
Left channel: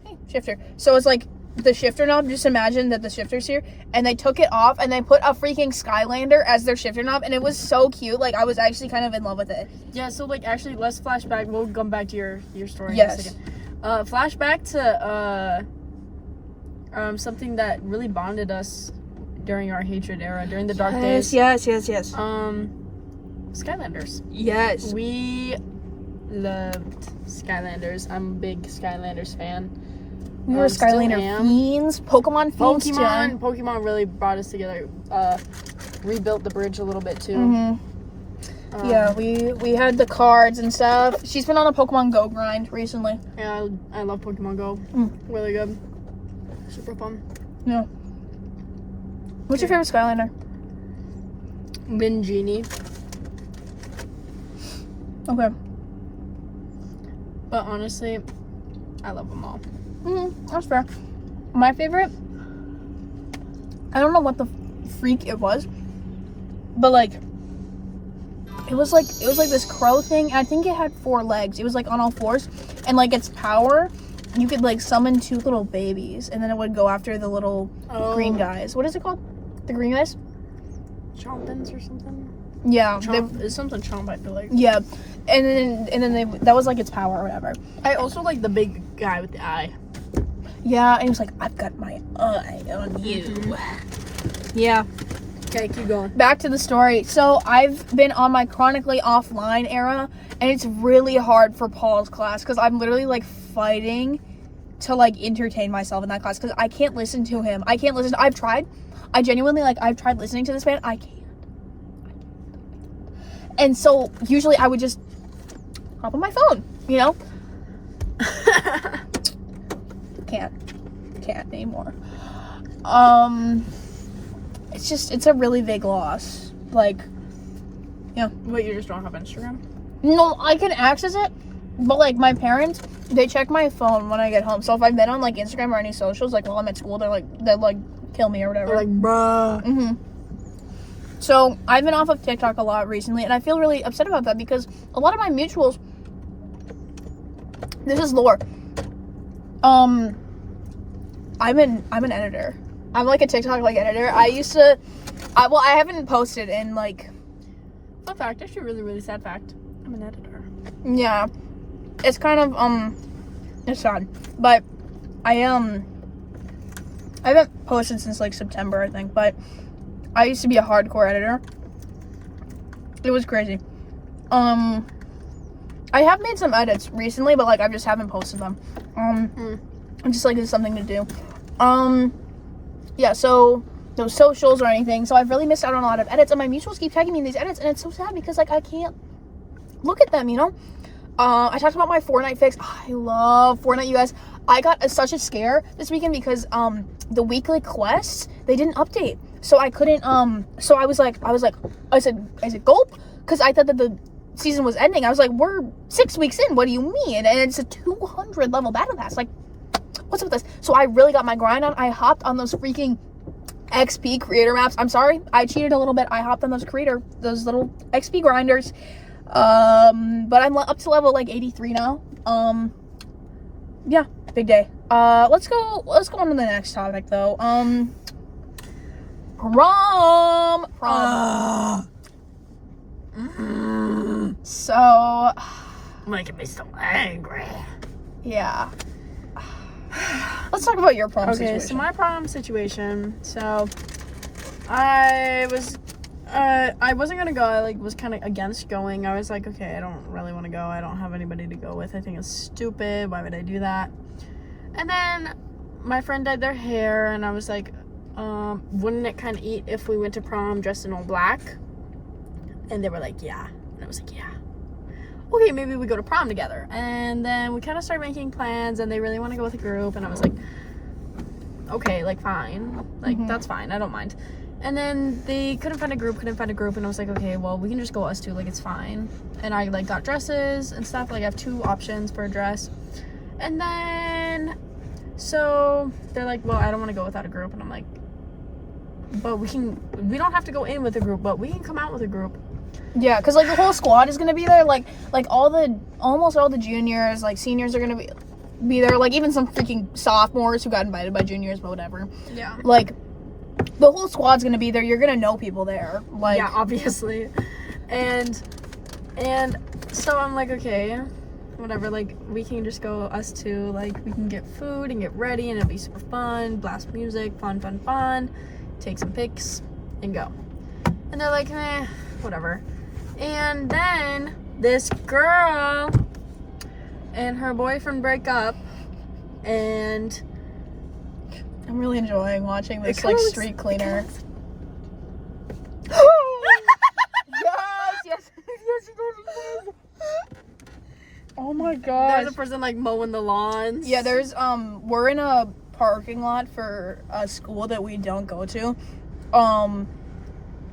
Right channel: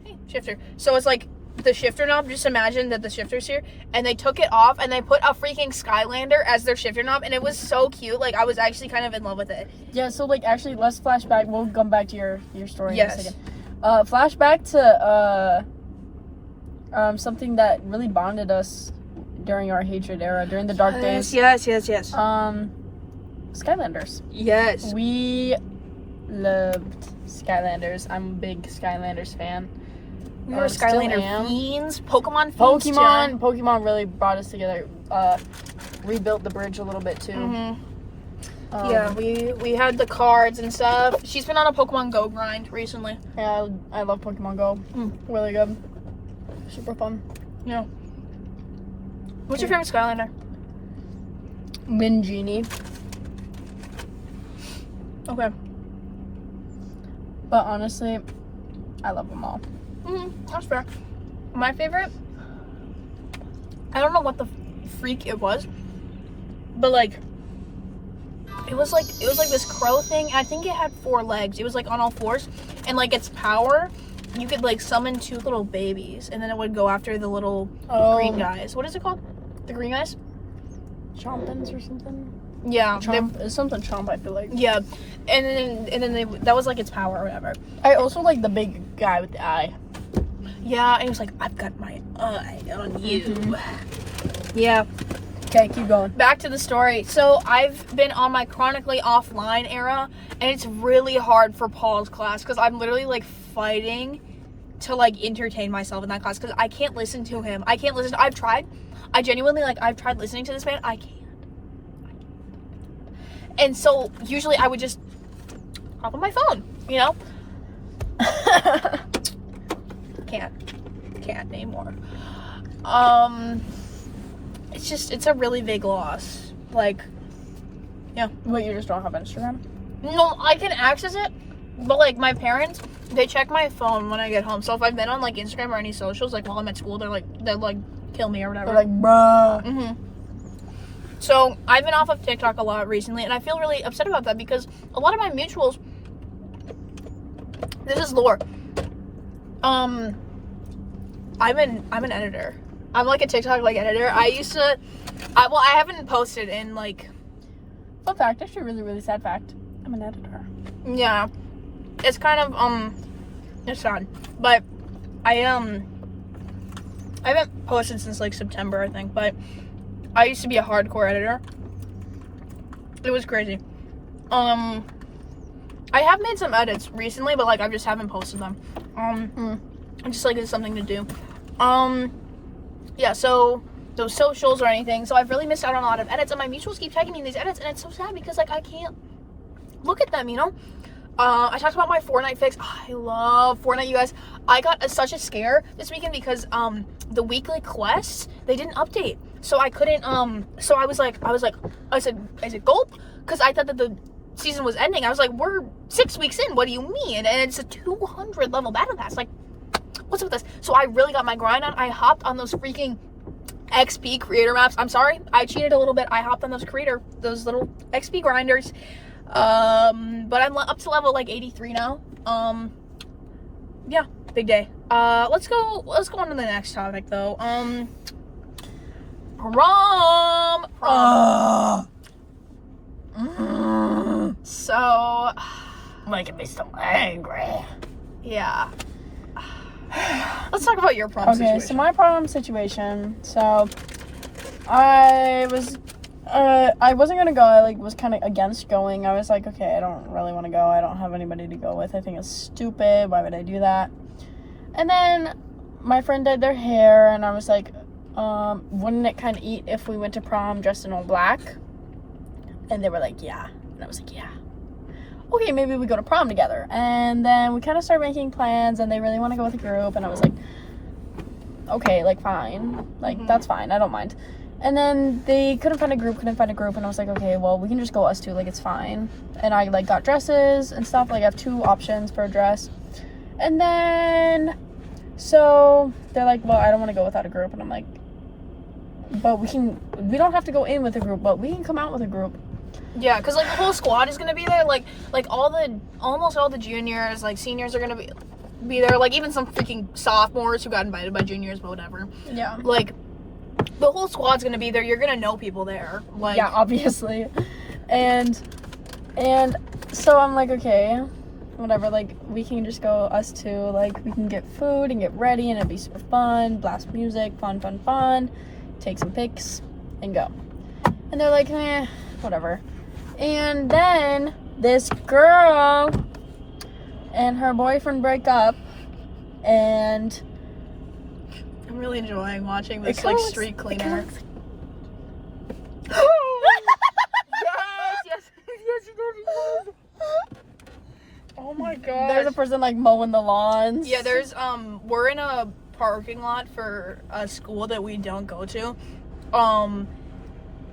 hey, shifter. So it's like the shifter knob. Just imagine that the shifter's here, and they took it off and they put a freaking Skylander as their shifter knob, and it was so cute. Like I was actually kind of in love with it. Yeah. So like actually, let's flashback. We'll come back to your story. Yes. In a second. Flashback to something that really bonded us during our hatred era, during the dark days. Yes. Skylanders. Yes. We loved Skylanders. I'm a big Skylanders fan. We were Skylander fiends. Pokemon fiends. Pokemon really brought us together. Rebuilt the bridge a little bit too. Mm-hmm. Yeah, we had the cards and stuff. She's been on a Pokemon Go grind recently. Yeah, I love Pokemon Go. Really good. Super fun. Yeah. What's your favorite Skylander? Mingenie. Okay. But honestly, I love them all. That's fair. My favorite, I don't know what the freak it was, but like it was like this crow thing. I think it had 4 legs. It was like on all 4s, and like its power, you could like summon 2 little babies, and then it would go after the little green guys. What is it called? The green guys? Chompins or something? Yeah. It's something chomp, I feel like. Yeah. And then that was like its power or whatever. I also like the big guy with the eye. Yeah, and he was like, I've got my eye on you. Yeah. Okay, keep going. Back to the story. So I've been on my chronically offline era, and it's really hard for Paul's class because I'm literally like fighting to like entertain myself in that class because I can't listen to him. I've tried. I genuinely I've tried listening to this man. I can't. And so usually I would just hop on my phone, you know? Can't anymore. It's a really big loss. Like, yeah. But you just don't have Instagram? No, I can access it, but like my parents, they check my phone when I get home. So if I've been on like Instagram or any socials, like while I'm at school, they're like kill me or whatever. They're like, bruh. So I've been off of TikTok a lot recently, and I feel really upset about that because a lot of my mutuals, this is lore. I'm an editor. I'm like a TikTok like editor. I haven't posted in like Fun fact, actually really, really sad fact. I'm an editor. Yeah. It's kind of, it's sad. But I haven't posted since, like, September, I think. But I used to be a hardcore editor. It was crazy. I have made some edits recently, but, like, I just haven't posted them. I'm just, like, it's something to do. Yeah, so those socials or anything. So I've really missed out on a lot of edits, and my mutuals keep tagging me in these edits, and it's so sad because, like, I can't look at them, you know? I talked about my Fortnite fix. Oh, I love Fortnite, you guys. I got such a scare this weekend because the weekly quests, they didn't update. So I couldn't so I said gulp, because I thought that the season was ending. I was like, we're 6 weeks in, what do you mean? And it's a 200 level battle pass. Like, what's up with this? So I really got my grind on. I hopped on those freaking XP creator maps. I'm sorry, I cheated a little bit. I hopped on those little XP grinders. But I'm up to level like 83 now. Yeah, big day. Let's go on to the next topic though. Prom. So, Making me so angry. Yeah. Let's talk about your prom situation. Okay, so my prom situation. So, I wasn't gonna go. I was kind of against going. I was like, okay, I don't really want to go. I don't have anybody to go with. I think it's stupid. Why would I do that? And then my friend dyed their hair, and I was like, wouldn't it kind of eat if we went to prom dressed in all black? And they were like, yeah. And I was like, yeah. Okay, maybe we go to prom together. And then we kind of started making plans, and they really want to go with a group, and I was like, okay, like, fine. Like, that's fine. I don't mind. And then they couldn't find a group, and I was like, okay, well, we can just go us two, like, it's fine. And I, like, got dresses and stuff. Like, I have 2 options for a dress. And then, so, they're like, well, I don't want to go without a group. And I'm like, but we don't have to go in with a group, but we can come out with a group. Yeah, because, like, the whole squad is going to be there. Like almost all the juniors, like, seniors are going to be there. Like, even some freaking sophomores who got invited by juniors, but whatever. Yeah. Like, the whole squad's going to be there. You're going to know people there. Like, yeah, obviously. And so I'm like, okay, whatever. Like, we can just go us two. Like, we can get food and get ready, and it'll be super fun. Blast music, fun. Take some pics, and go. And they're like, whatever. And then this girl and her boyfriend break up, and I'm really enjoying watching this, like, street cleaner. Yes. Oh my god. There's a person, like, mowing the lawns. Yeah, there's, we're in a parking lot for a school that we don't go to.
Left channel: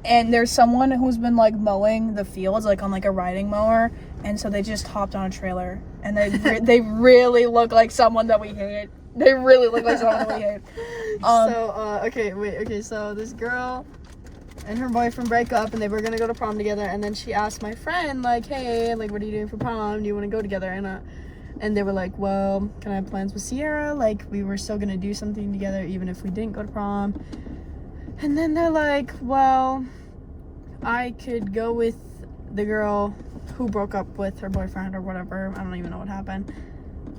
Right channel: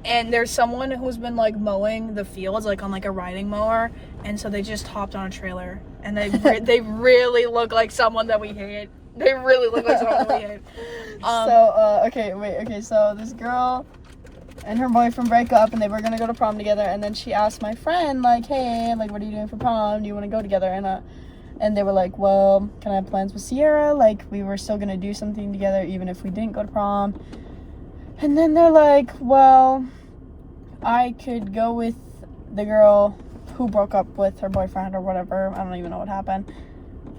And there's someone who's been, like, mowing the fields, like, on, like, a riding mower. And so they just hopped on a trailer. And they really look like someone that we hate. They really look like someone that we hate. So this girl and her boyfriend break up, and they were gonna go to prom together. And then she asked my friend, like, hey, like, what are you doing for prom? Do you want to go together? And they were like, well, can I have plans with Sierra? Like, we were still gonna do something together even if we didn't go to prom. And then they're like, well, I could go with the girl who broke up with her boyfriend or whatever. I don't even know what happened.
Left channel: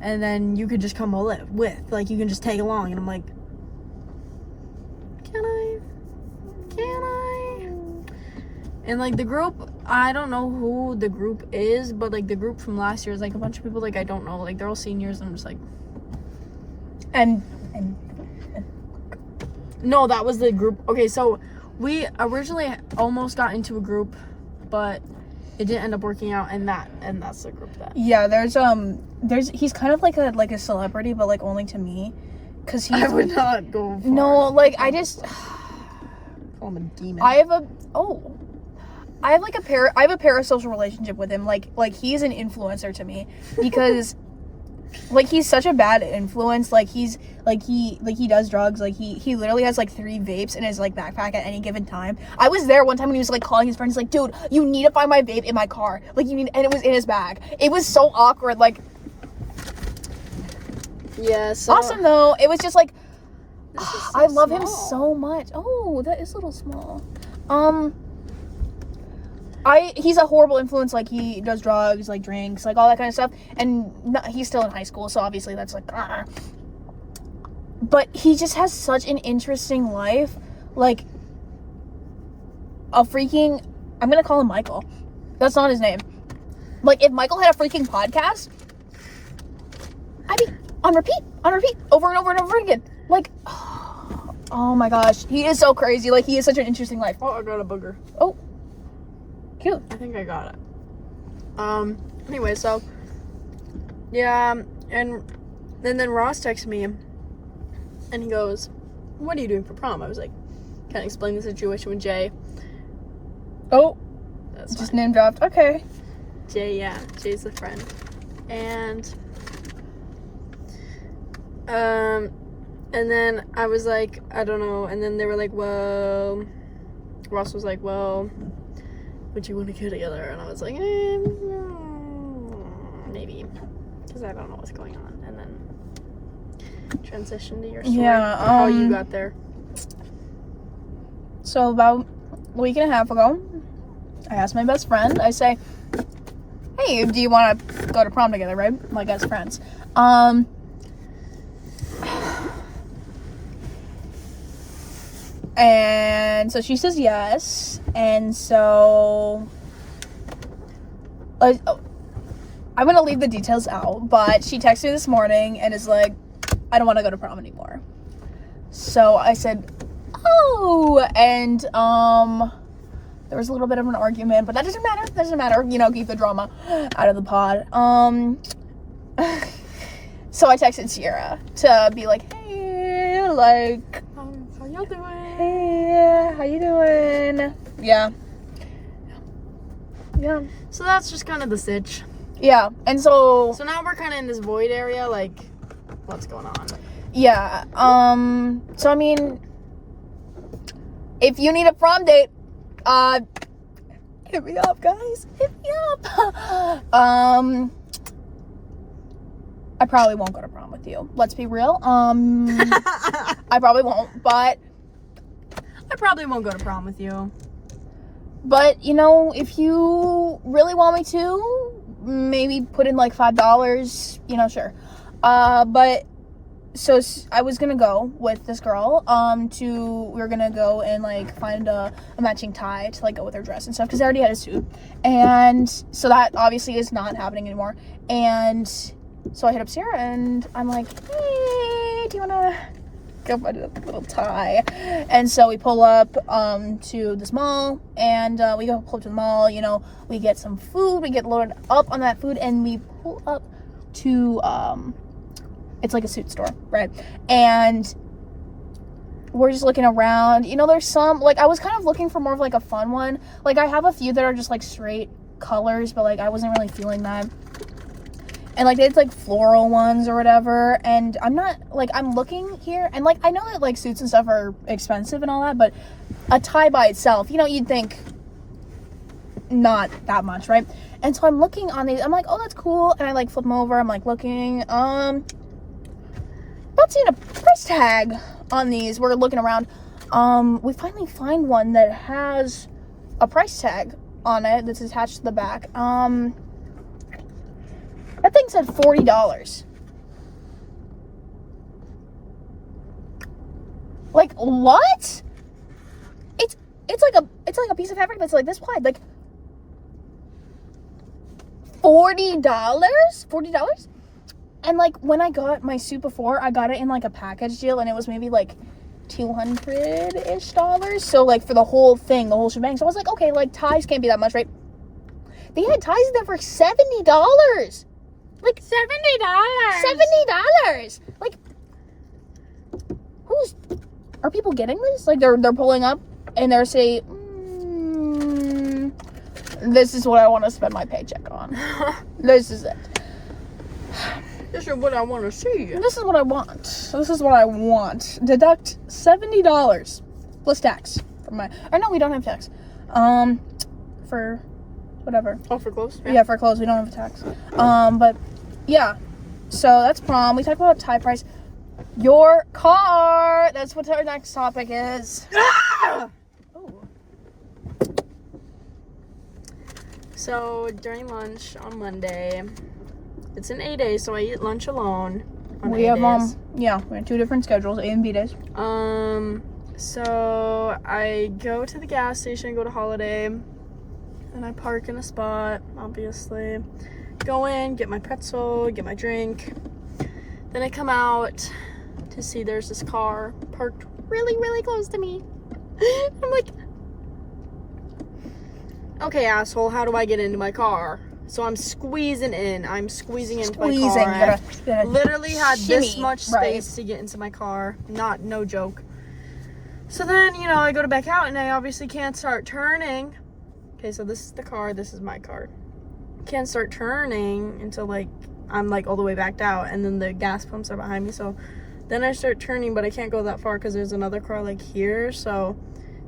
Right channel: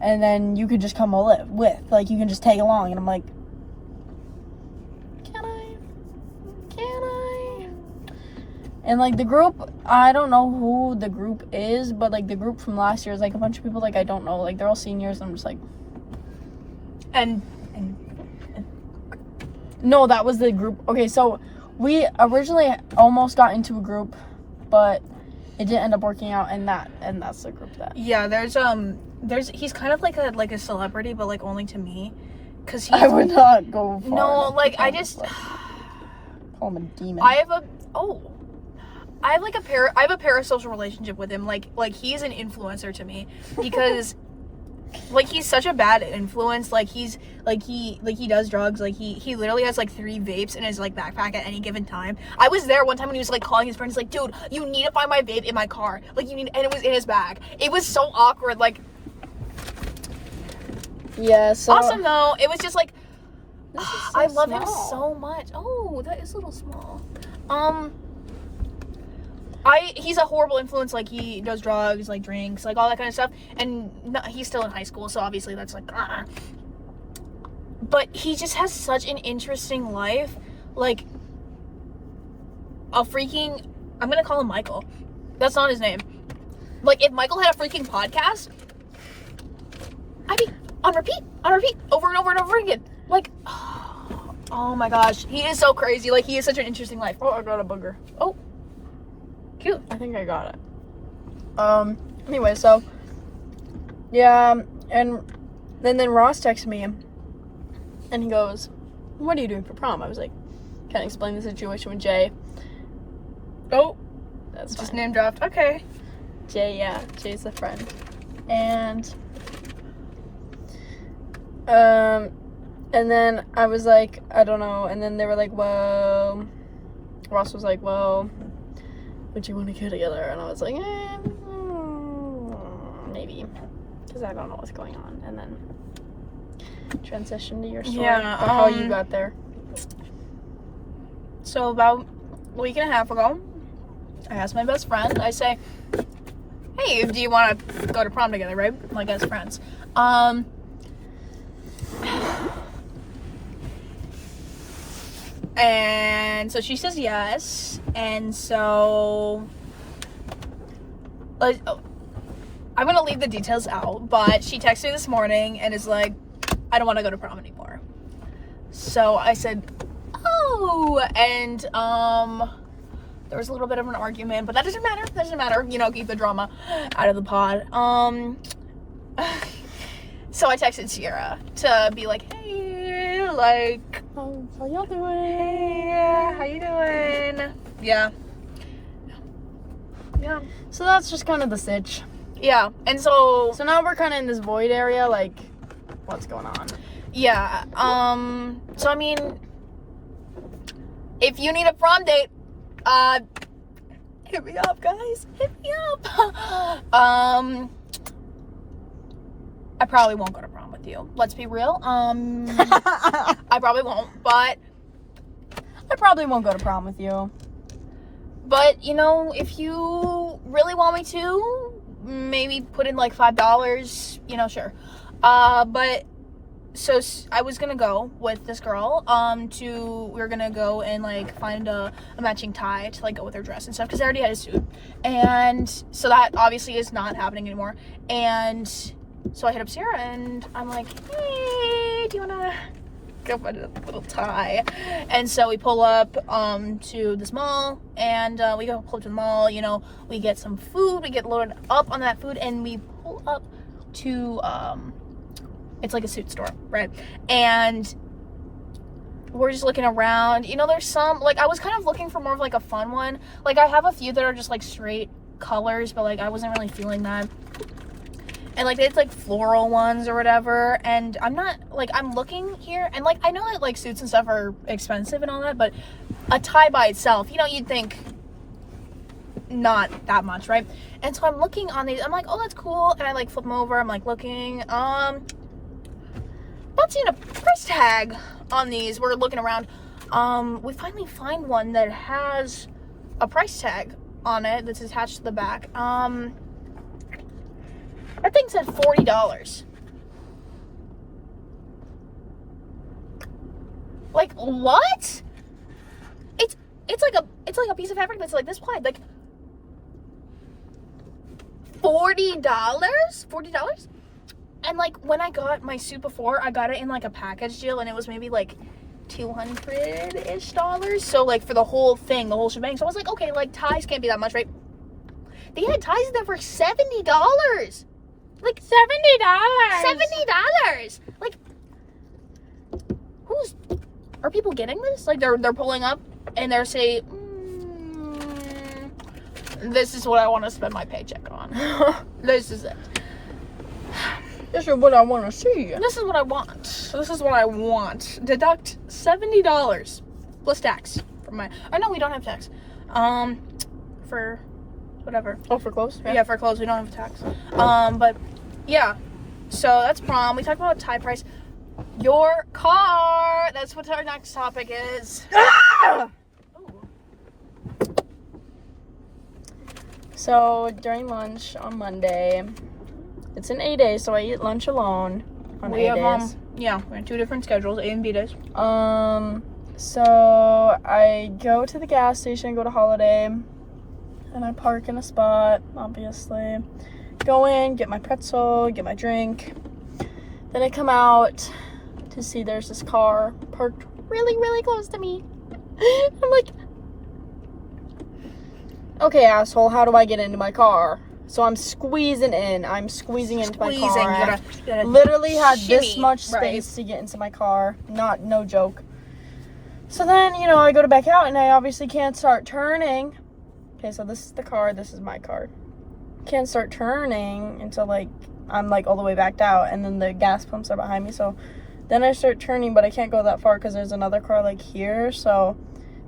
And then you could just come with. Like, you can just tag along. And I'm like, Can I? And, like, the group, I don't know who the group is, but, like, the group from last year is, like, a bunch of people, like, I don't know. Like, they're all seniors. And I'm just like... And no, that was the group. Okay, so we originally almost got into a group, but it didn't end up working out, and that's the group that. Yeah, he's kind of like a celebrity, but, like, only to me, because I would not go far. No, like, I just call him a demon. I have a parasocial relationship with him. Like he's an influencer to me, because like, he's such a bad influence. Like, he does drugs. Like, he literally has, like, 3 vapes in his, like, backpack at any given time. I was there one time when he was, like, calling his friends, like, dude, you need to find my vape in my car. Like, and it was in his bag. It was so awkward. Like, yeah, so awesome though. It was just like, I love him small. so much. Oh, that is a little small. He's a horrible influence. Like, he does drugs, like, drinks, like, all that kind of stuff. And he's still in high school, so obviously that's, like, But he just has such an interesting life. Like, a freaking... I'm gonna call him Michael. That's not his name. Like, if Michael had a freaking podcast, I'd be on repeat, over and over and over again. Like, oh my gosh. He is so crazy. Like, he has such an interesting life. Oh, I got a booger. Oh. Cute. I think I got it. Anyway, so, yeah, and then Ross texted me, and he goes, what are you doing for prom? I was like, can I explain the situation with Jay? Oh. That's just fine. name dropped. Okay. Jay, yeah, Jay's the friend. And then I was like, I don't know, and then they were like, well, Ross was like, well, would you want to go together? And I was like, maybe, because I don't know what's going on. And then transition to your story, how you got there. So about a week and a half ago, I asked my best friend, I say, hey, do you want to go to prom together, right? Like, as friends. And so she says yes, and so, I'm gonna leave the details out, but she texted me this morning and is like, I don't want to go to prom anymore. So I said, oh, and, there was a little bit of an argument, but that doesn't matter, you know, keep the drama out of the pod. So I texted Sierra to be like, hey, like, how y'all doing? Hey, how you doing? Yeah. So that's just kind of the sitch. Yeah, and so now we're kind of in this void area, like, what's going on? Yeah, so I mean, if you need a prom date, hit me up, guys. Hit me up. I probably won't go to prom with you. Let's be real. I probably won't, but I probably won't go to prom with you. But, you know, if you really want me to, maybe put in like $5, you know, sure. But so I was gonna go with this girl, we were gonna go and like find a matching tie to like go with her dress and stuff, because I already had a suit, and so that obviously is not happening anymore. And so I hit up Sarah and I'm like, hey, do you wanna go find a little tie? And so we pull up to this mall, and we go pull up to the mall, you know, we get some food, we get loaded up on that food, and we pull up to it's like a suit store, right? And we're just looking around. You know, there's some, like, I was kind of looking for more of, like, a fun one. Like, I have a few that are just, like, straight colors, but, like, I wasn't really feeling that. And, like, they had, like, floral ones or whatever. And I'm not, like, I'm looking here. And, like, I know that, like, suits and stuff are expensive and all that. But a tie by itself, you know, you'd think not that much, right? And so I'm looking on these. I'm like, oh, that's cool. And I, like, flip them over. I'm, like, looking. Not seeing a price tag on these. We're looking around. We finally find one that has a price tag on it that's attached to the back. That thing said $40. Like, what? It's like a piece of fabric that's like this wide. Like, $40? $40? And, like, when I got my suit before, I got it in, like, a package deal, and it was maybe, like, $200-ish. So, like, for the whole thing, the whole shebang. So I was like, okay, like, ties can't be that much, right? They had ties in there for $70. Like, $70. Like, are people getting this? Like, they're pulling up, and they're saying, this is what I want to spend my paycheck on. This is it. This is what I want to see. This is what I want. This is what I want. Deduct $70 plus tax from my. Oh no, we don't have tax. For whatever. Oh, for clothes? Yeah, for clothes we don't have tax. But yeah. So that's prom. We talked about tie price. Your car. That's what our next topic is. Ah! Oh. So during lunch on Monday, it's an A day, so I eat lunch alone on we A have days. we have 2 different schedules, A and B days. So I go to the gas station, go to Holiday, and I park in a spot, obviously. Go in, get my pretzel, get my drink. Then I come out to see there's this car parked really, really close to me. I'm like, okay, asshole, how do I get into my car? So I'm squeezing in. I'm squeezing into my car. You gotta literally had shimmy, this much space to get into my car. No joke. So then, I go to back out and I obviously can't start turning. Okay, so this is the car. This is my car. Can't start turning until I'm all the way backed out, and then the gas pumps are behind me. So then I start turning, but I can't go that far because there's another car here. So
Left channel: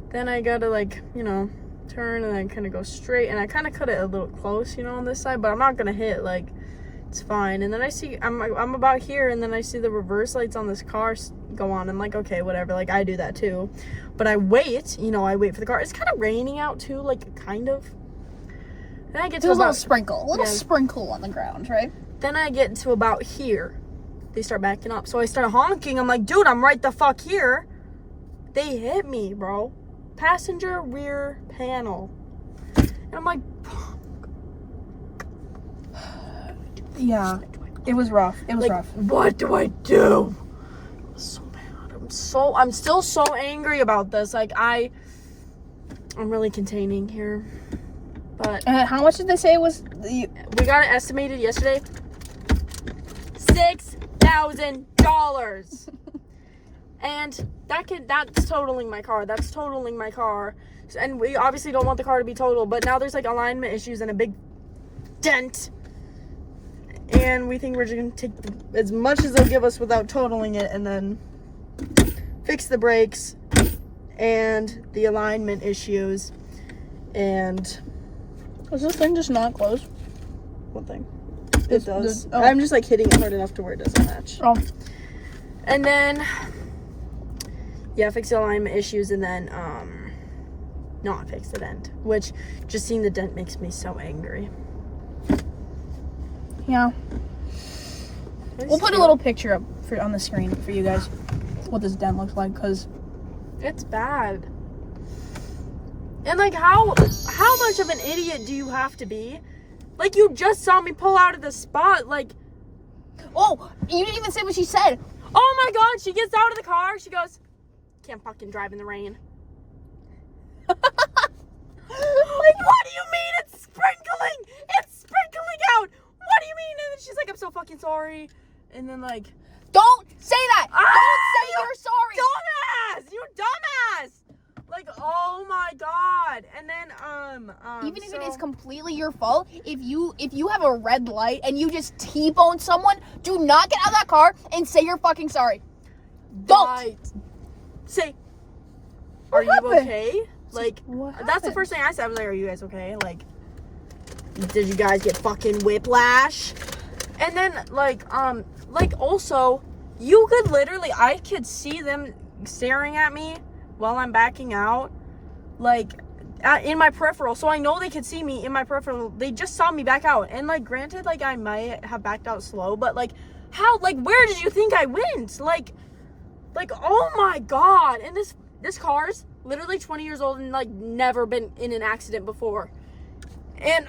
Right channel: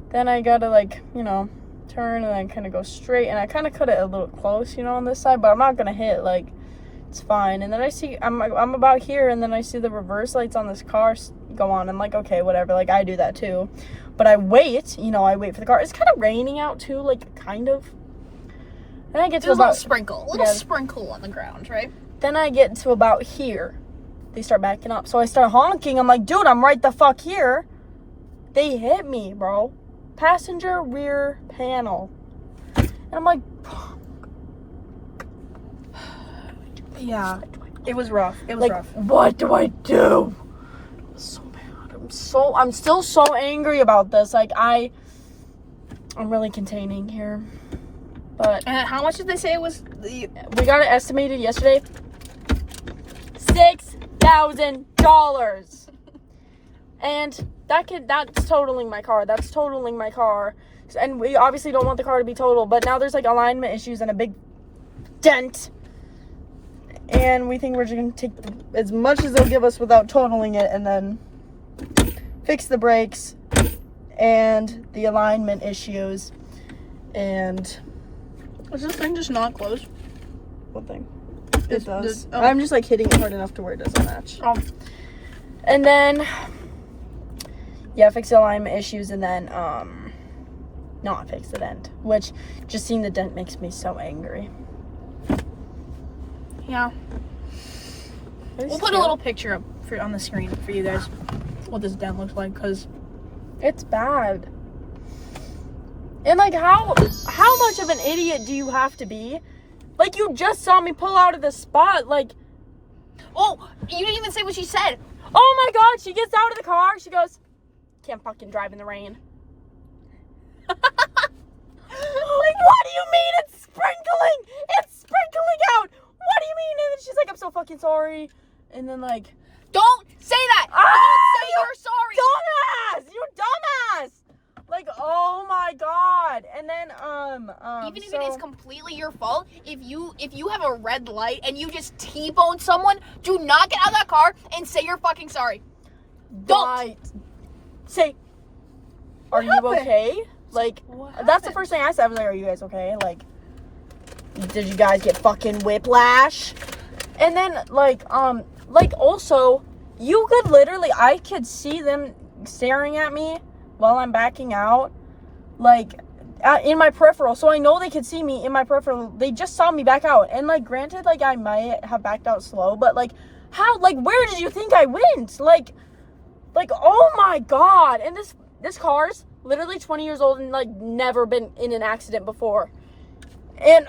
then I gotta turn and then kind of go straight, and I kind of cut it a little close, on this side, but I'm not gonna hit, it's fine. And then I see I'm about here, and then I see the reverse lights on this car go on. I'm like, okay, whatever, I do that too. But I wait, I wait for the car. It's kind of raining out too, kind of. Then I get to a little sprinkle on the ground, right? Then I get to about here. They start backing up, so I start honking. I'm like, dude, I'm right the fuck here. They hit me, bro. Passenger rear panel. And I'm like, yeah, it was rough. It was rough. What do I do? I was so mad. I'm still so angry about this. I'm really containing here. But how much did they say it was? We got it estimated yesterday. $6,000. And that's totaling my car. That's totaling my car. And we obviously don't want the car to be total, but now there's alignment issues and a big dent. And we think we're just gonna take as much as they'll give us without totaling it, and then fix the brakes and the alignment issues. And is this thing just not close? What thing? It does. I'm just hitting it hard enough to where it doesn't match. Oh. And then fix the alignment issues, and then not fix the dent. Which just seeing the dent makes me so angry. Yeah. We'll put a little picture up on the screen for you guys what this dent looks like, because it's bad. And how much of an idiot do you have to be? You just saw me pull out of the spot. Oh, you didn't even say what she said. Oh my god, she gets out of the car. She goes, can't fucking drive in the rain. What do you mean it's sprinkling? It's sprinkling out. What do you mean? And then she's like, I'm so fucking sorry. And then don't say that. Don't say you're sorry. Dumbass. You dumbass. Oh my god. And then even if it is completely your fault, if you have a red light and you just T-bone someone, do not get out of that car and say you're fucking sorry. Don't say, are you okay? What that's the first thing I said. I was like, are you guys okay? Did you guys get fucking whiplash? And then also, you could literally, I could see them staring at me while I'm backing out, in my peripheral. So I know they could see me in my peripheral. They just saw me back out. And granted, I might have backed out slow, but how, where did you think I went? Oh my god. And this car's literally 20 years old and never been in an accident before. And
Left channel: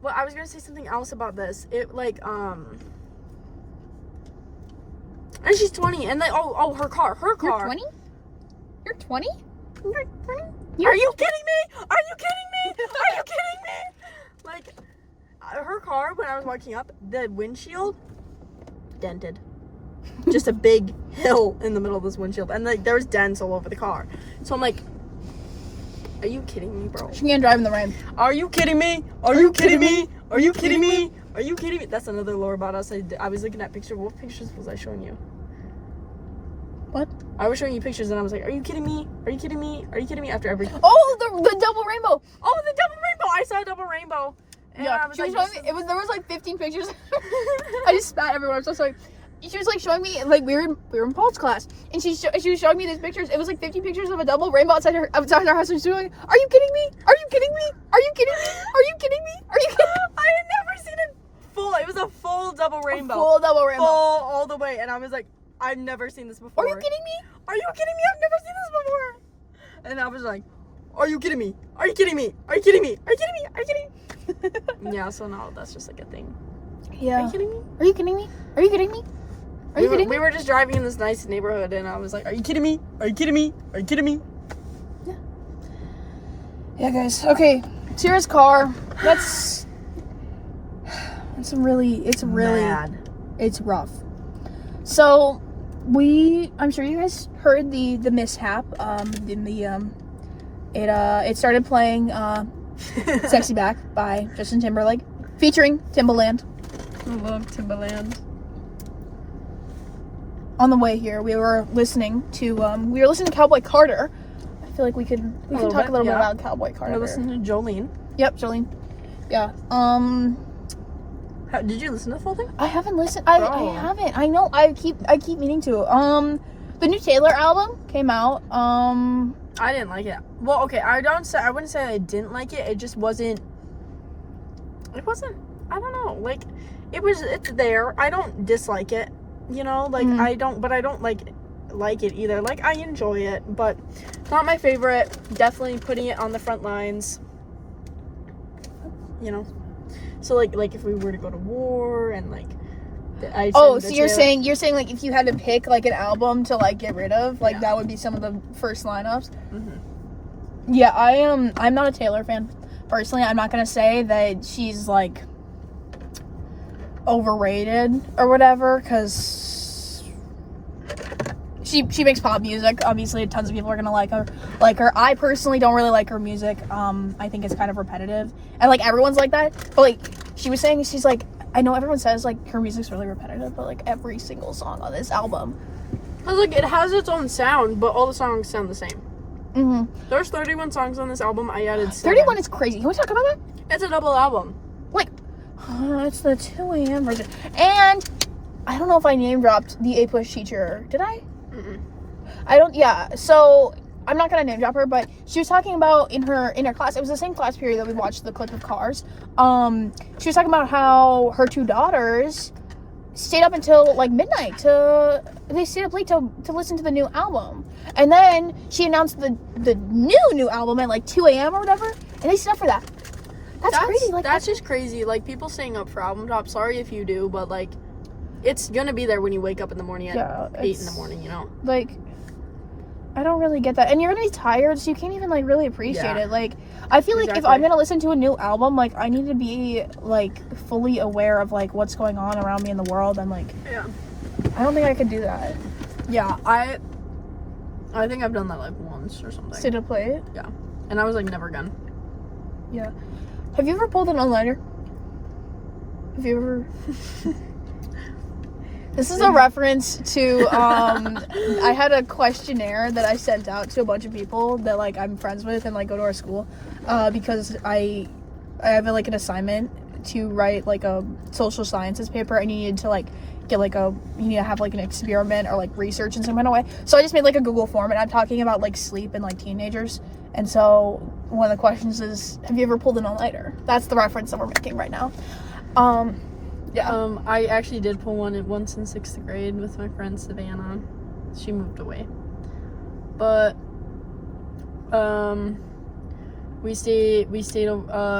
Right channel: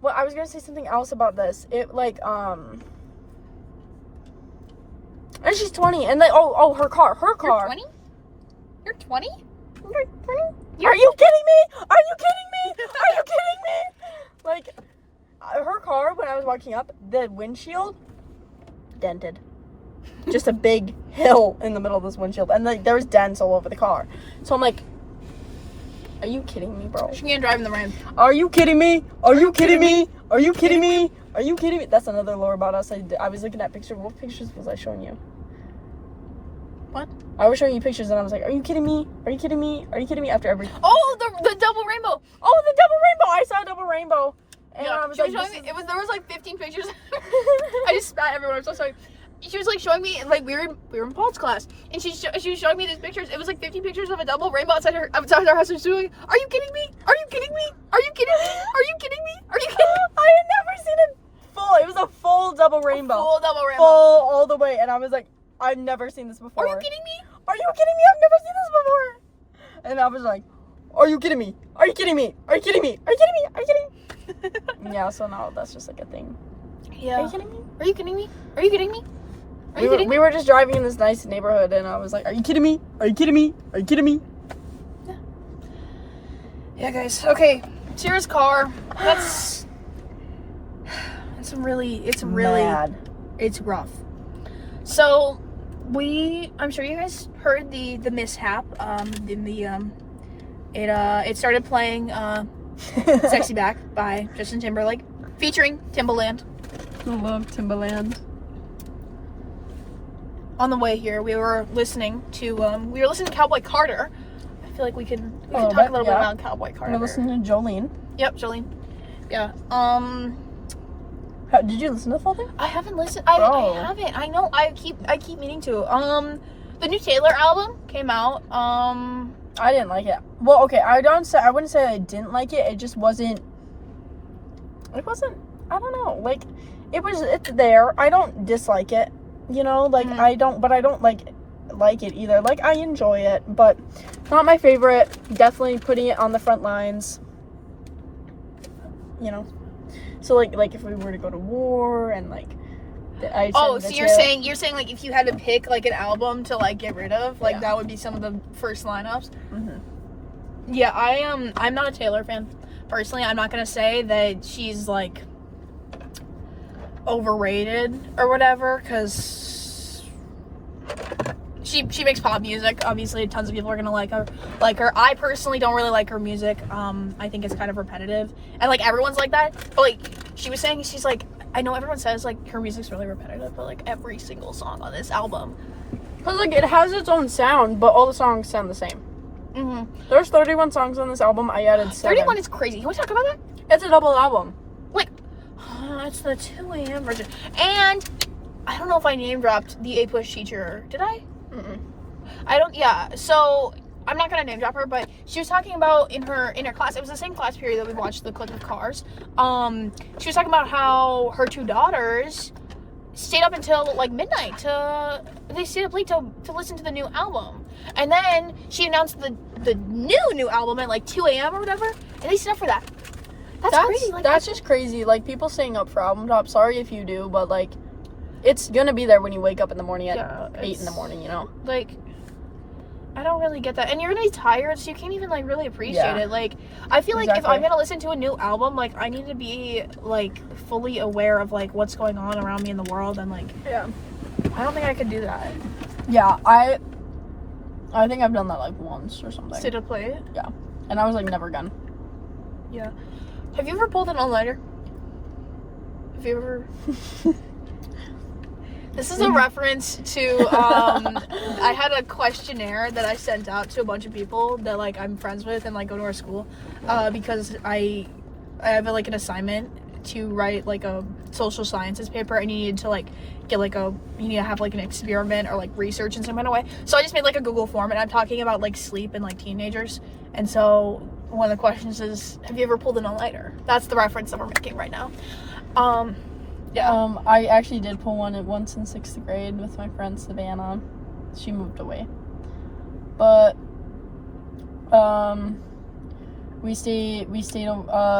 well, I was gonna say something else about this. And she's 20, and her car. You're 20? You're 20? You're 20? Are you kidding me? Are you kidding me? Are you kidding me? Her car, when I was walking up, the windshield dented. Just a big hill in the middle of this windshield, and there was dents all over the car. So I'm like, are you kidding me, bro? She can't drive in the rain. Are you kidding me? Are you kidding me? Are you kidding me? Are you kidding me? That's another lore about us. I was looking at pictures. What pictures was I showing you? What? I was showing you pictures, and I was like, are you kidding me? Are you kidding me? Are you kidding me? After every... Oh, the double rainbow. Oh, the double rainbow. I saw a double rainbow. And yeah, I was there was 15 pictures. I just spat everywhere. I'm so sorry. she was like showing me, like we were in Paul's class, and she was showing me these pictures. It was like 50 pictures of a double rainbow outside our house. And she was like, "Are you kidding me? Are you kidding me? Are you kidding me? Are you kidding me? Are you kidding me?" I had never seen it full. It was a full double rainbow. Full double rainbow. Full all the way, and I was like, I've never seen this before. Are you kidding me? Are you kidding me? I've never seen this before. And I was like, are you kidding me? Are you kidding me? Are you kidding me? Are you kidding me? Are you kidding me? Yeah, so now that's just like a thing. Yeah. Are you kidding me? Are you kidding me? Are you kidding me? Are you kidding me? We were just driving in this nice neighborhood, and I was like, are you kidding me? Are you kidding me? Are you kidding me? Yeah, guys. Okay, Tira's car. It's really Mad. It's rough. So I'm sure you guys heard the mishap. It started playing "Sexy Back" by Justin Timberlake, featuring Timbaland. I love Timbaland. On the way here, we were listening to Cowboy Carter. I feel like we can talk a little bit about Cowboy Carter. We're listening to Jolene. Yep, Jolene. Yeah. Did you listen to the full thing? I haven't listened. I haven't. I know. I keep meaning to. The new Taylor album came out. I didn't like it. Well, okay. I wouldn't say I didn't like it. It just wasn't. It wasn't. I don't know. Like, it's there. I don't dislike it. You know, like I don't like it either. Like, I enjoy it, but not my favorite. Definitely putting it on the front lines. You know. So like if we were to go to war and like so you're saying like if you had to pick like an album to like get rid of, like that would be some of the first lineups. Mm-hmm. Yeah, I'm not a Taylor fan personally. I'm not gonna say that she's like overrated or whatever, because she makes pop music. Obviously, tons of people are gonna like her. I personally don't really like her music. I think it's kind of repetitive, and like everyone's like that. But like she was saying, she's like, I know everyone says like her music's really repetitive, but like every single song on this album, because like it has its own sound, but all the songs sound the same. Mm-hmm. There's 31 songs on this album. I added 7. 31 is crazy. Can we talk about that? It's a double album. Like, it's the 2 a.m. version, and I don't know if I name dropped the A Push teacher. Did I? Mm-mm. I don't. Yeah. So I'm not gonna name drop her, but she was talking about in her class. It was the same class period that we watched the clip of Cars. She was talking about how her 2 daughters stayed up until like midnight they stayed up late to listen to the new album, and then she announced the new album at like 2 a.m. or whatever, and they stayed up for that. That's crazy. Like, that's just crazy. Like, people staying up for album drops. Sorry if you do, but like, it's gonna be there when you wake up in the morning at 8 in the morning. You know, like, I don't really get that. And you're gonna be tired, so you can't even like really appreciate it. Like, I feel like if I'm gonna listen to a new album, like I need to be like fully aware of like what's going on around me in the world, and like I don't think I could do that. Yeah, I think I've done that like once or something. Stay to play it? Yeah. And I was like, never again. Yeah. Have you ever pulled an all-nighter? Have you ever? This is a reference to, I had a questionnaire that I sent out to a bunch of people that, like, I'm friends with and, like, go to our school, because I have, like, an assignment to write, like, a social sciences paper, and you need to, like, get, like, you need to have, like, an experiment or, like, research in some kind of way. So I just made, like, a Google form, and I'm talking about, like, sleep and, like, teenagers. And so one of the questions is, have you ever pulled an all-nighter? That's the reference that we're making right now. Yeah. I actually did pull one once in 6th grade with my friend Savannah. She moved away. But, we stayed,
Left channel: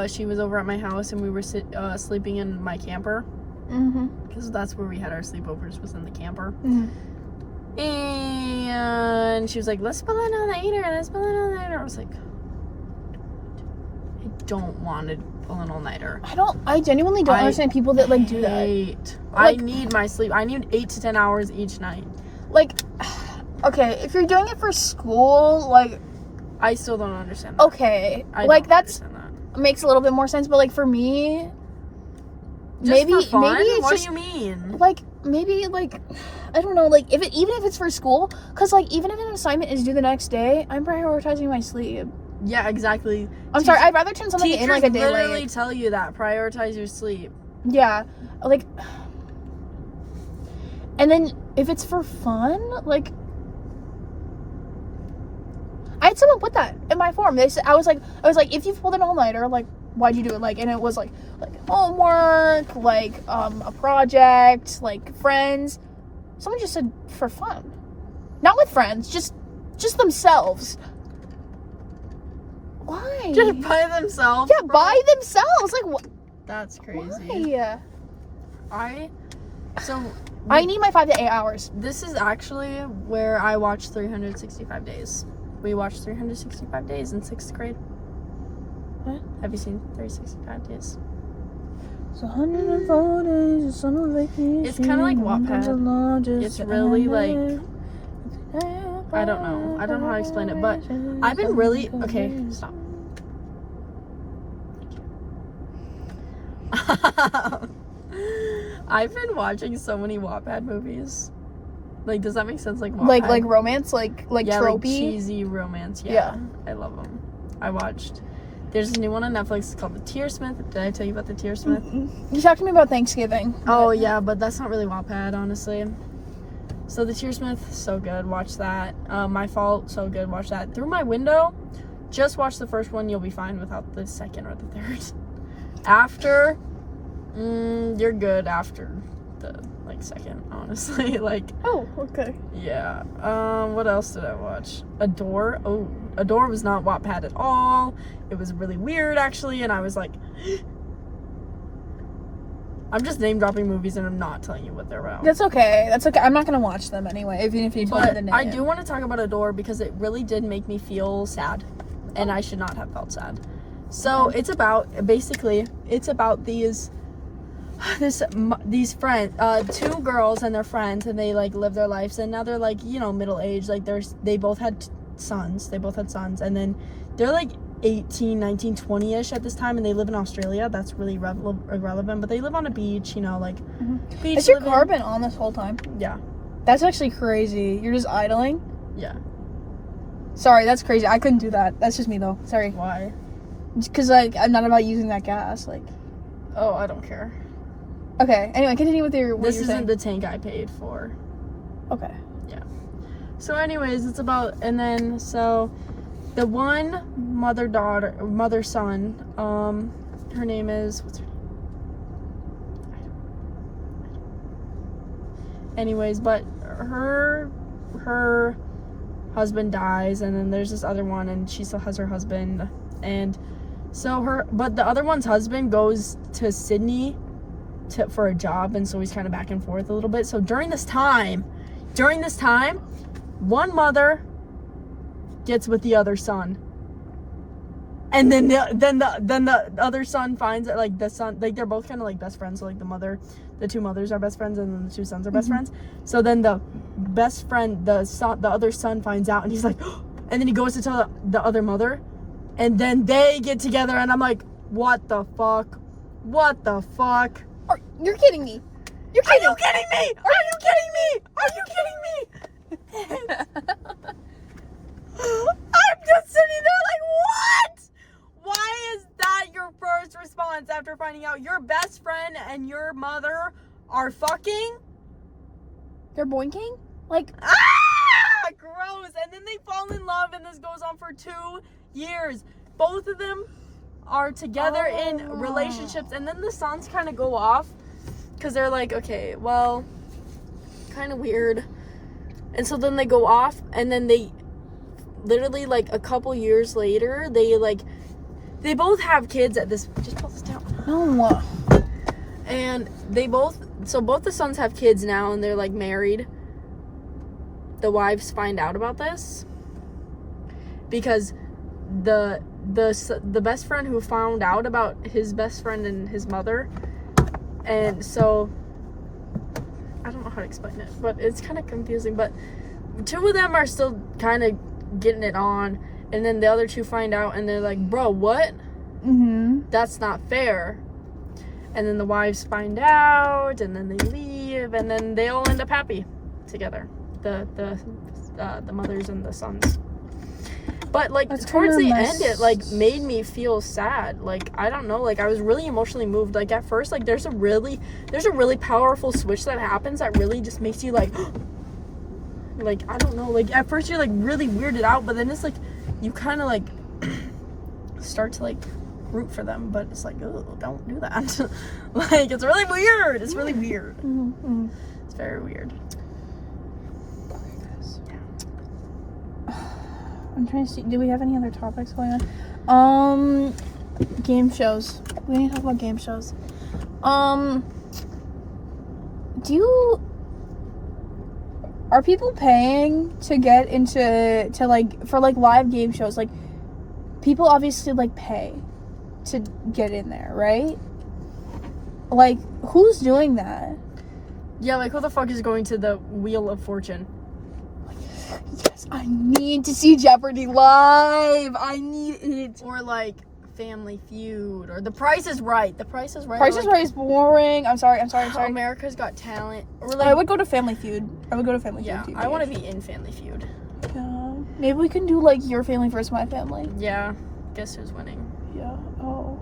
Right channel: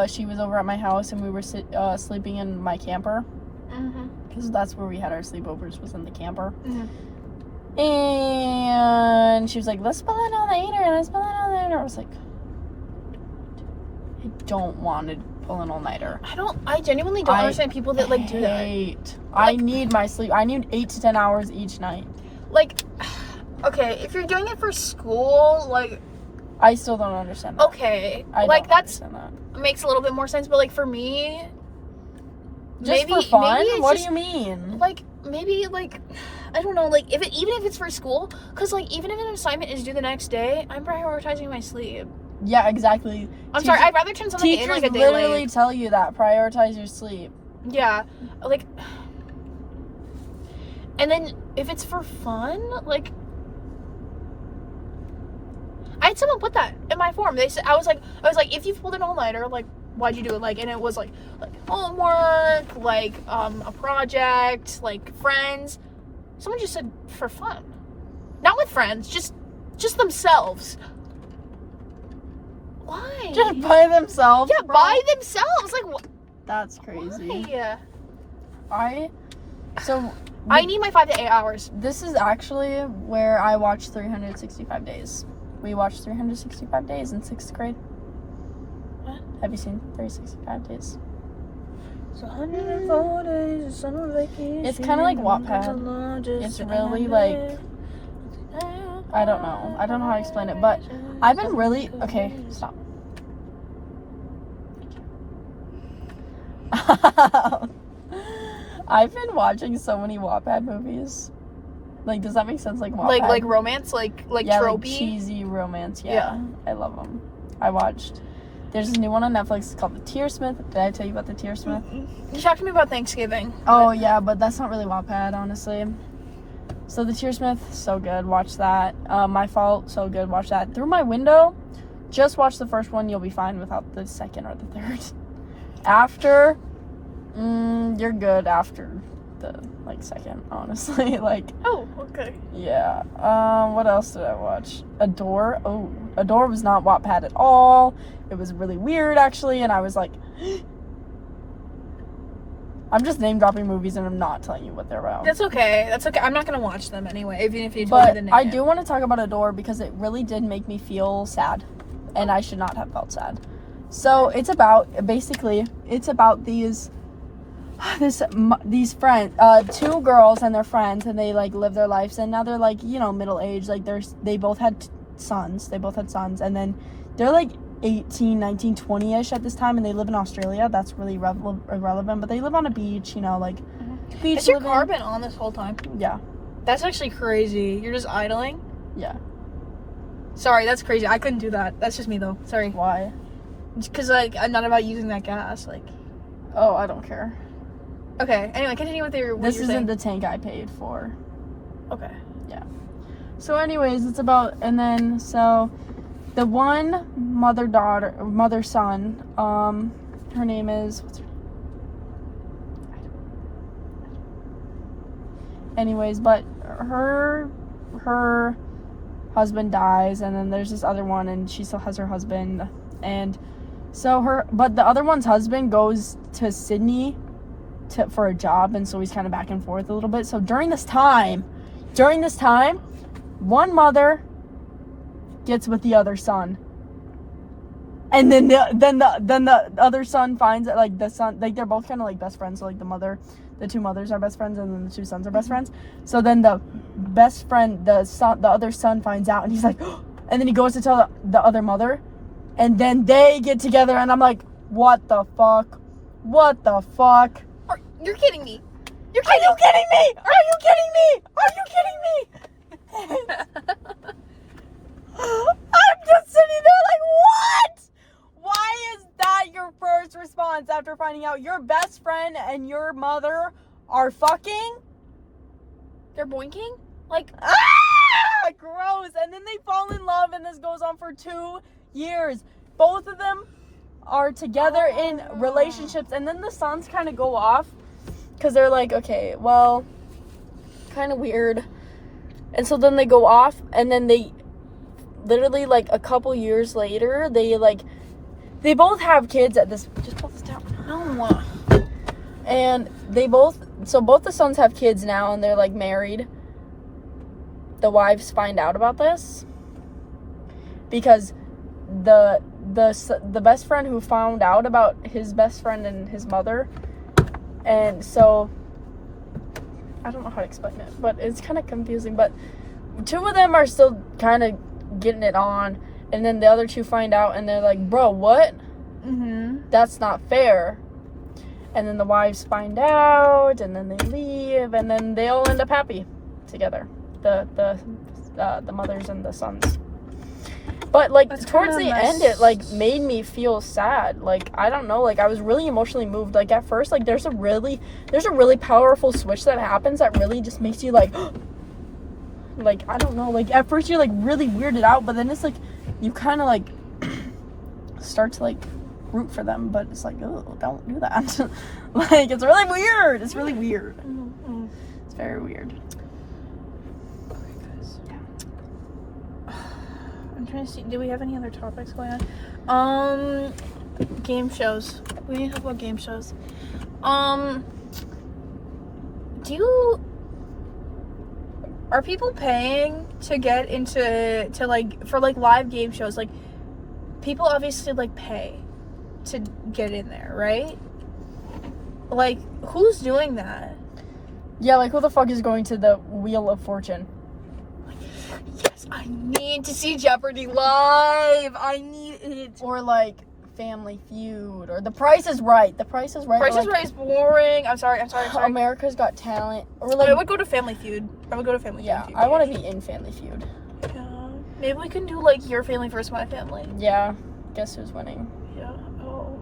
she was over at my house, and we were sleeping in my camper. Mm-hmm. Because that's where we had our sleepovers, was in the camper. Mm-hmm. And she was like, let's pull an all-nighter, I was like, I don't want to pull an all-nighter. I genuinely don't understand people that, like, do that. I need my sleep. I need 8 to 10 hours each night. Like, okay, if you're doing it for school, like... I still don't understand that. Okay. That makes a little bit more sense, but, like, for me... Just for fun? Maybe what do you mean? Like, maybe, like... I don't know, like, even if it's for school, because, like, even if an assignment is due the next day, I'm prioritizing my sleep. Yeah, exactly. I'm sorry, I'd rather turn something in, like, a day literally late. Tell you that. Prioritize your sleep. Yeah. Like... And then if it's for fun, like, I had someone put that in my form. They said I was like, if you've pulled an all-nighter, like, why'd you do it? Like, and it was like homework, like a project, like friends. Someone just said for fun, not with friends, just themselves. Why? Just by themselves. Yeah, by themselves. Like what? That's crazy. Why? I need my 5 to 8 hours. This is actually where I watched 365 Days. We watched 365 Days in 6th grade. What? Have you seen 365 Days? It's 104 days of summer vacation. It's kind of like Wattpad. It's really like, I don't know how to explain it, but I've been really, okay, stop. I've been watching so many Wattpad movies. Like, does that make sense? Like Wattpad? Like romance, like yeah, tropey? like cheesy romance. Yeah, I love them. I watched. There's this new one on Netflix called The Tearsmith. Did I tell you about The Tearsmith? You talked to me about Thanksgiving. Oh yeah, but that's not really Wattpad, honestly. So The Tearsmith, so good. Watch that. My Fault, so good. Watch that. Through My Window, just watch the first one. You'll be fine without the second or the third. After, you're good after the second, honestly. Like, oh, okay. Yeah. What else did I watch? Adore. Oh, Adore was not Wattpad at all. It was really weird, actually, and I was like, I'm just name dropping movies and I'm not telling you what they're about. That's okay. I'm not gonna watch them anyway, even if you tell me the name. I do want to talk about Adore because it really did make me feel sad, and I should not have felt sad. So it's about these friends, 2 girls and their friends, and they like live their lives, and now they're like, middle aged. Like they both had sons, and then they're like 18, 19, 20-ish at this time, and they live in Australia. That's really irrelevant, but they live on a beach, beach. Has your car been on this whole time? Yeah. That's actually crazy. You're just idling? Yeah. Sorry, that's crazy. I couldn't do that. That's just me though. Sorry. Why? Because I'm not about using that gas. Like. Oh, I don't care. Okay. Anyway, continue with your. This isn't the tank I paid for. Okay. Yeah. So, anyways, it's about, and then so, the one mother son. Her name is what's her name? Anyways, but her husband dies, and then there's this other one, and she still has her husband, and so but the other one's husband goes to Sydney for a job, and so he's kind of back and forth a little bit. So during this time, one mother gets with the other son, and then the other son finds it, like the son, like they're both kind of like best friends. So like the 2 mothers are best friends, and then the 2 sons are best friends. So then the best friend, the other son finds out, and he's like, and then he goes to tell the other mother, and then they get together, and I'm like, what the fuck? You're kidding me. Are you kidding me? I'm just sitting there like, what? Why is that your first response after finding out your best friend and your mother are fucking? They're boinking? Like, gross. And then they fall in love, and this goes on for 2 years. Both of them are together in relationships, and then the sons kind of go off because they're like, okay, well, kind of weird. And so then they go off, and then they literally like a couple years later, they both have kids at this. Just pull this down. no. And both the sons have kids now, and they're like married. The wives find out about this because the best friend who found out about his best friend and his mother, and so I don't know how to explain it, but it's kind of confusing. But 2 of them are still kind of getting it on, and then the other 2 find out, and they're like, bro, what? That's not fair. And then the wives find out, and then they leave, and then they all end up happy together, the mothers and the sons. But, like, That's towards the kinda end, nice. it, like, made me feel sad. Like, I don't know. Like, I was really emotionally moved. Like, at first, like, there's a really powerful switch that happens that really just makes you, like, like, I don't know. Like, at first, you're, like, really weirded out. But then it's, like, you kind of, like, start to, like, root for them. But it's like, oh, don't do that. Like, it's really weird. It's really weird. Mm-hmm. It's very weird. I'm trying to see. Do we have any other topics going on? Game shows. We need to talk about game shows. Are people paying to get to like for like live game shows? Like, people obviously like pay to get in there, right? Like, who's doing that? Yeah, like, who the fuck is going to the Wheel of Fortune? Yes, I need to see Jeopardy live. I need it. Or, like, Family Feud. Or The Price is Right. The Price is Right. Price is Right is boring. I'm sorry. America's Got Talent. Or, like, I would go to Family Feud. Yeah, I want to be in Family Feud. Yeah. Maybe we can do, like, your family versus my family. Yeah. Guess who's winning? Yeah. Oh.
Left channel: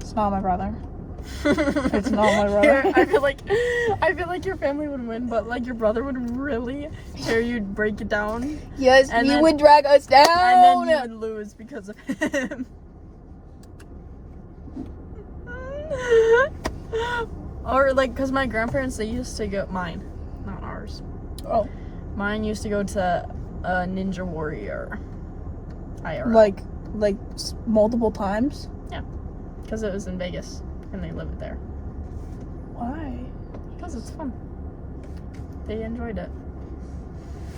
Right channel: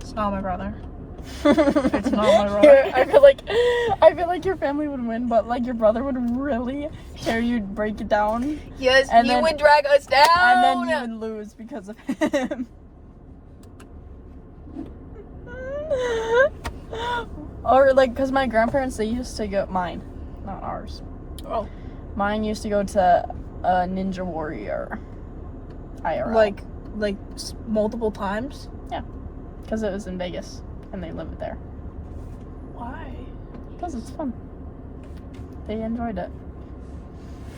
It's not my brother. It's not my brother. I feel like your family would win, but, like, your brother would really hear you break it down. Yes, and he then, would drag us down. And then you would lose because of him. Or, like, because my grandparents, they used to go, mine, not ours. Oh. Mine used to go to Ninja Warrior IRL. Like multiple times? Yeah. Because it was in Vegas, and they live there. Why? Because it's fun. They enjoyed it.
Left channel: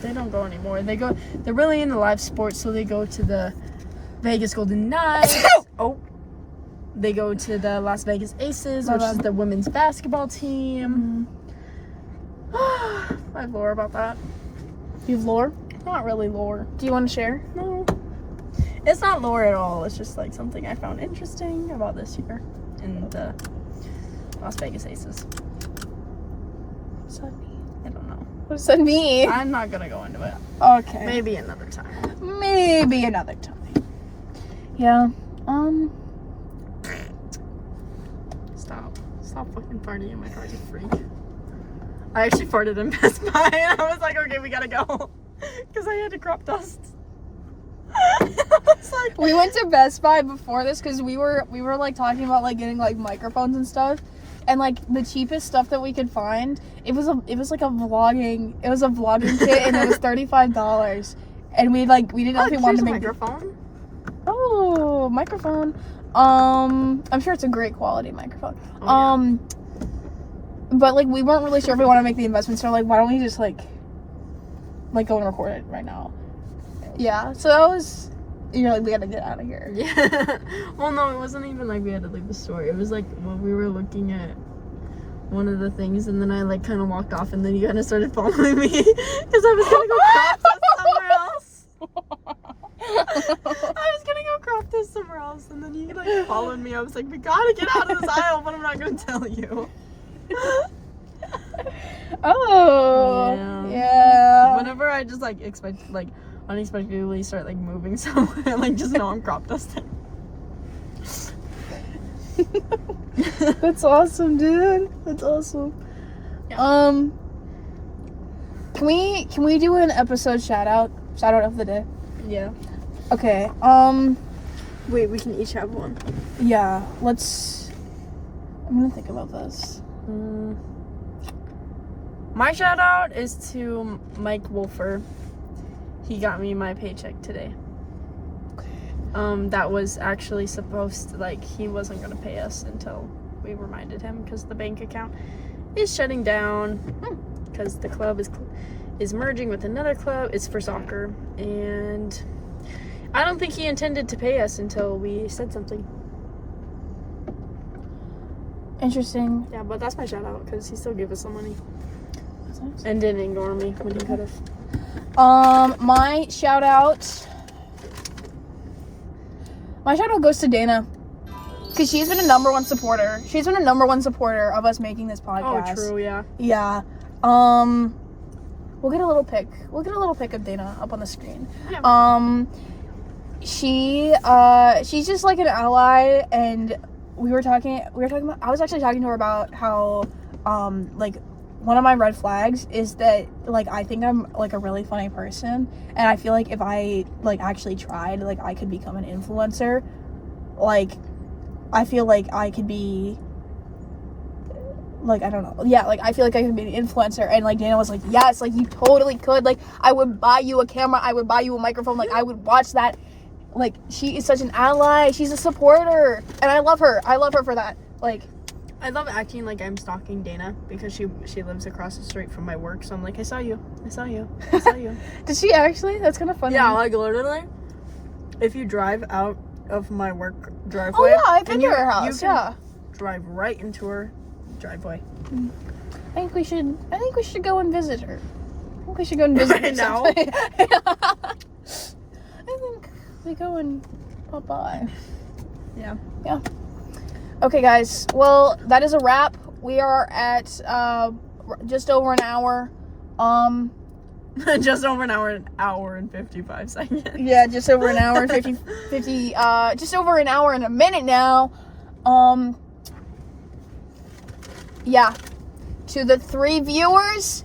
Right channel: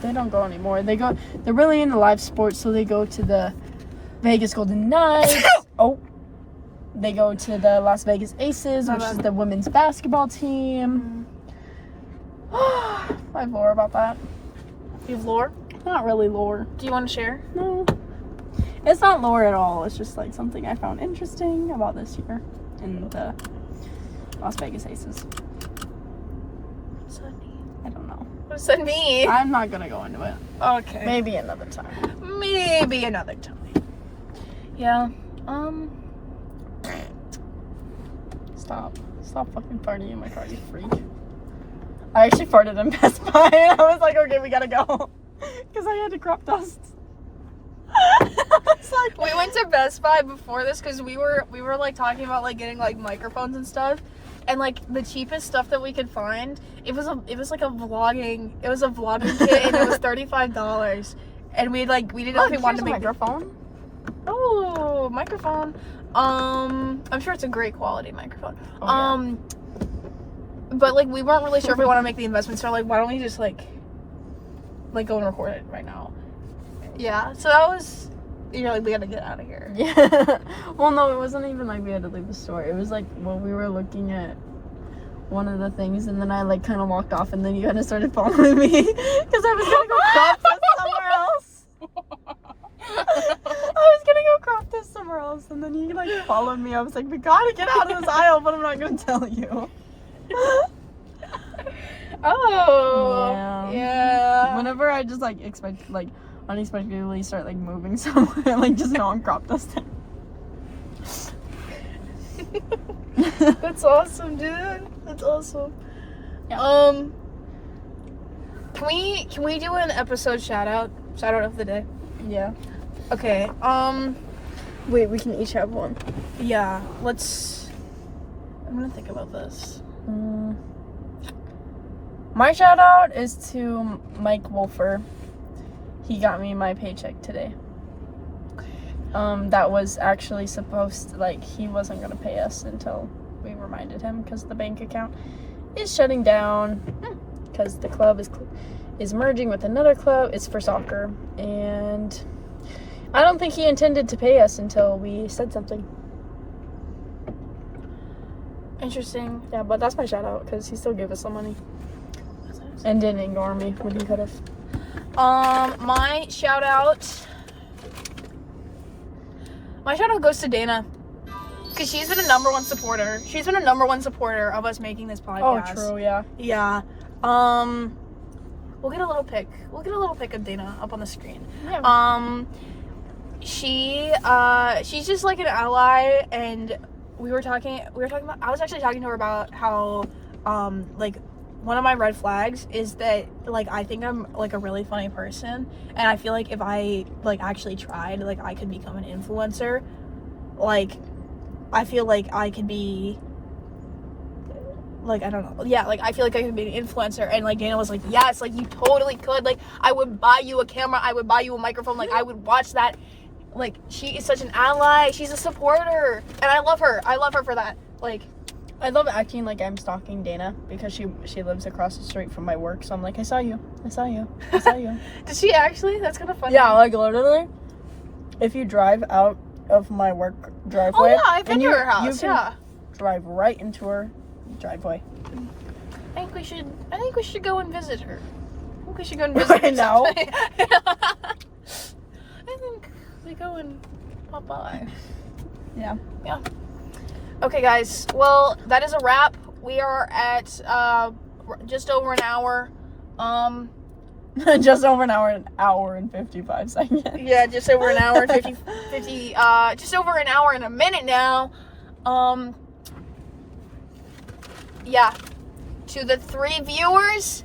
They don't go anymore. They're really into live sports, so they go to the Vegas Golden Knights. Oh. They go to the Las Vegas Aces, which is the women's basketball team. I have lore about that. You have lore? Not really lore. Do you want to share? It's not lore at all. It's just, like, something I found interesting about this year in the Las Vegas Aces. What does that mean? I don't know. What does that mean? I'm not gonna go into it. Okay. Maybe another time. Maybe another time. Yeah. Stop fucking farting in my car, you freak. I actually farted in Best Buy, and I was like, okay, we gotta go. Because I had to crop dust. We went to Best Buy before this because we were like talking about like getting like microphones and stuff, and like the cheapest stuff that we could find, it was like a vlogging kit, and it was $35, and we didn't know if we wanted to make microphone. Oh, microphone. I'm sure it's a great quality microphone. Oh, yeah. But like we weren't really sure if we want to make the investment, so like why don't we just like go and record it right now? Yeah. So that was, you're like, we gotta get out of here. Yeah. Well, no, it wasn't even like we had to leave the store. It was like when we were looking at one of the things, and then I like kind of walked off, and then you kind of started following me because I was gonna go crop this somewhere else. I was gonna go crop this somewhere else, and then you like followed me. I was like, we gotta get out of this aisle, but I'm not gonna tell you. Oh. Yeah. Whenever I just like unexpectedly start like moving somewhere, like just know I'm crop dusting. That's awesome, dude. That's awesome. Yeah. Can we do an episode shout out of the day? Yeah. Okay. Wait, we can each have one. Yeah. I'm gonna think about this. My shout out is to Mike Wolfer. He got me my paycheck today. That was actually supposed to, like, he wasn't gonna pay us until we reminded him because the bank account is shutting down because the club is merging with another club. It's for soccer, and I don't think he intended to pay us until we said something. Interesting. Yeah, but that's my shout out because he still gave us some money That's nice. and didn't ignore me when he could have. My shout out goes to Dana, because she's been a number one supporter. She's been a number one supporter of us making this podcast. Oh, true, yeah. Yeah. We'll get a little pic. We'll get a little pic of Dana up on the screen. Yeah. She's just like an ally, and we were talking about, I was actually talking to her about how, like, one of my red flags is that, like, I think I'm, like, a really funny person, and I feel like if I, like, actually tried, like, I could become an influencer. Like, I feel like I could be, like, I don't know. Yeah, like, I feel like I could be an influencer. And, like, Dana was like, yes, like, you totally could. Like, I would buy you a camera. I would buy you a microphone. Like, I would watch that. Like, she is such an ally. She's a supporter. And I love her. I love her for that. Like, I love acting like I'm stalking Dana because she lives across the street from my work. So I'm like, I saw you. I saw you. I saw you. Did she actually? That's kind of funny. Yeah, like, literally, if you drive out of my work driveway. Oh, yeah, I've been to her house. You can drive right into her driveway. I think we should go and visit her. I think we should go and visit her now. I think we go and pop by. Yeah. Yeah. Okay, guys. Well, that is a wrap. We are at just over an hour. Just over an hour and 55 seconds. Yeah, just over an hour and 50 just over an hour and a minute now. Yeah. To the 3 viewers,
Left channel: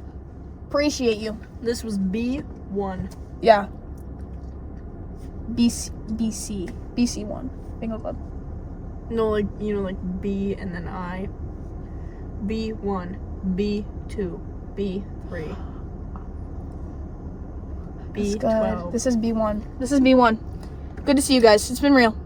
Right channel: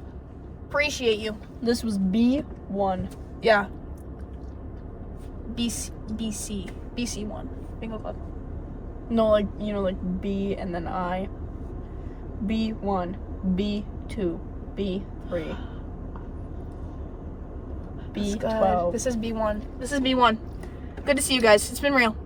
appreciate you. This was B1. Yeah. BC1. Bingo Club. No, like, you know, like B and then I. B1, B2, B3, B12. This is B1. This is B1. Good to see you guys. It's been real.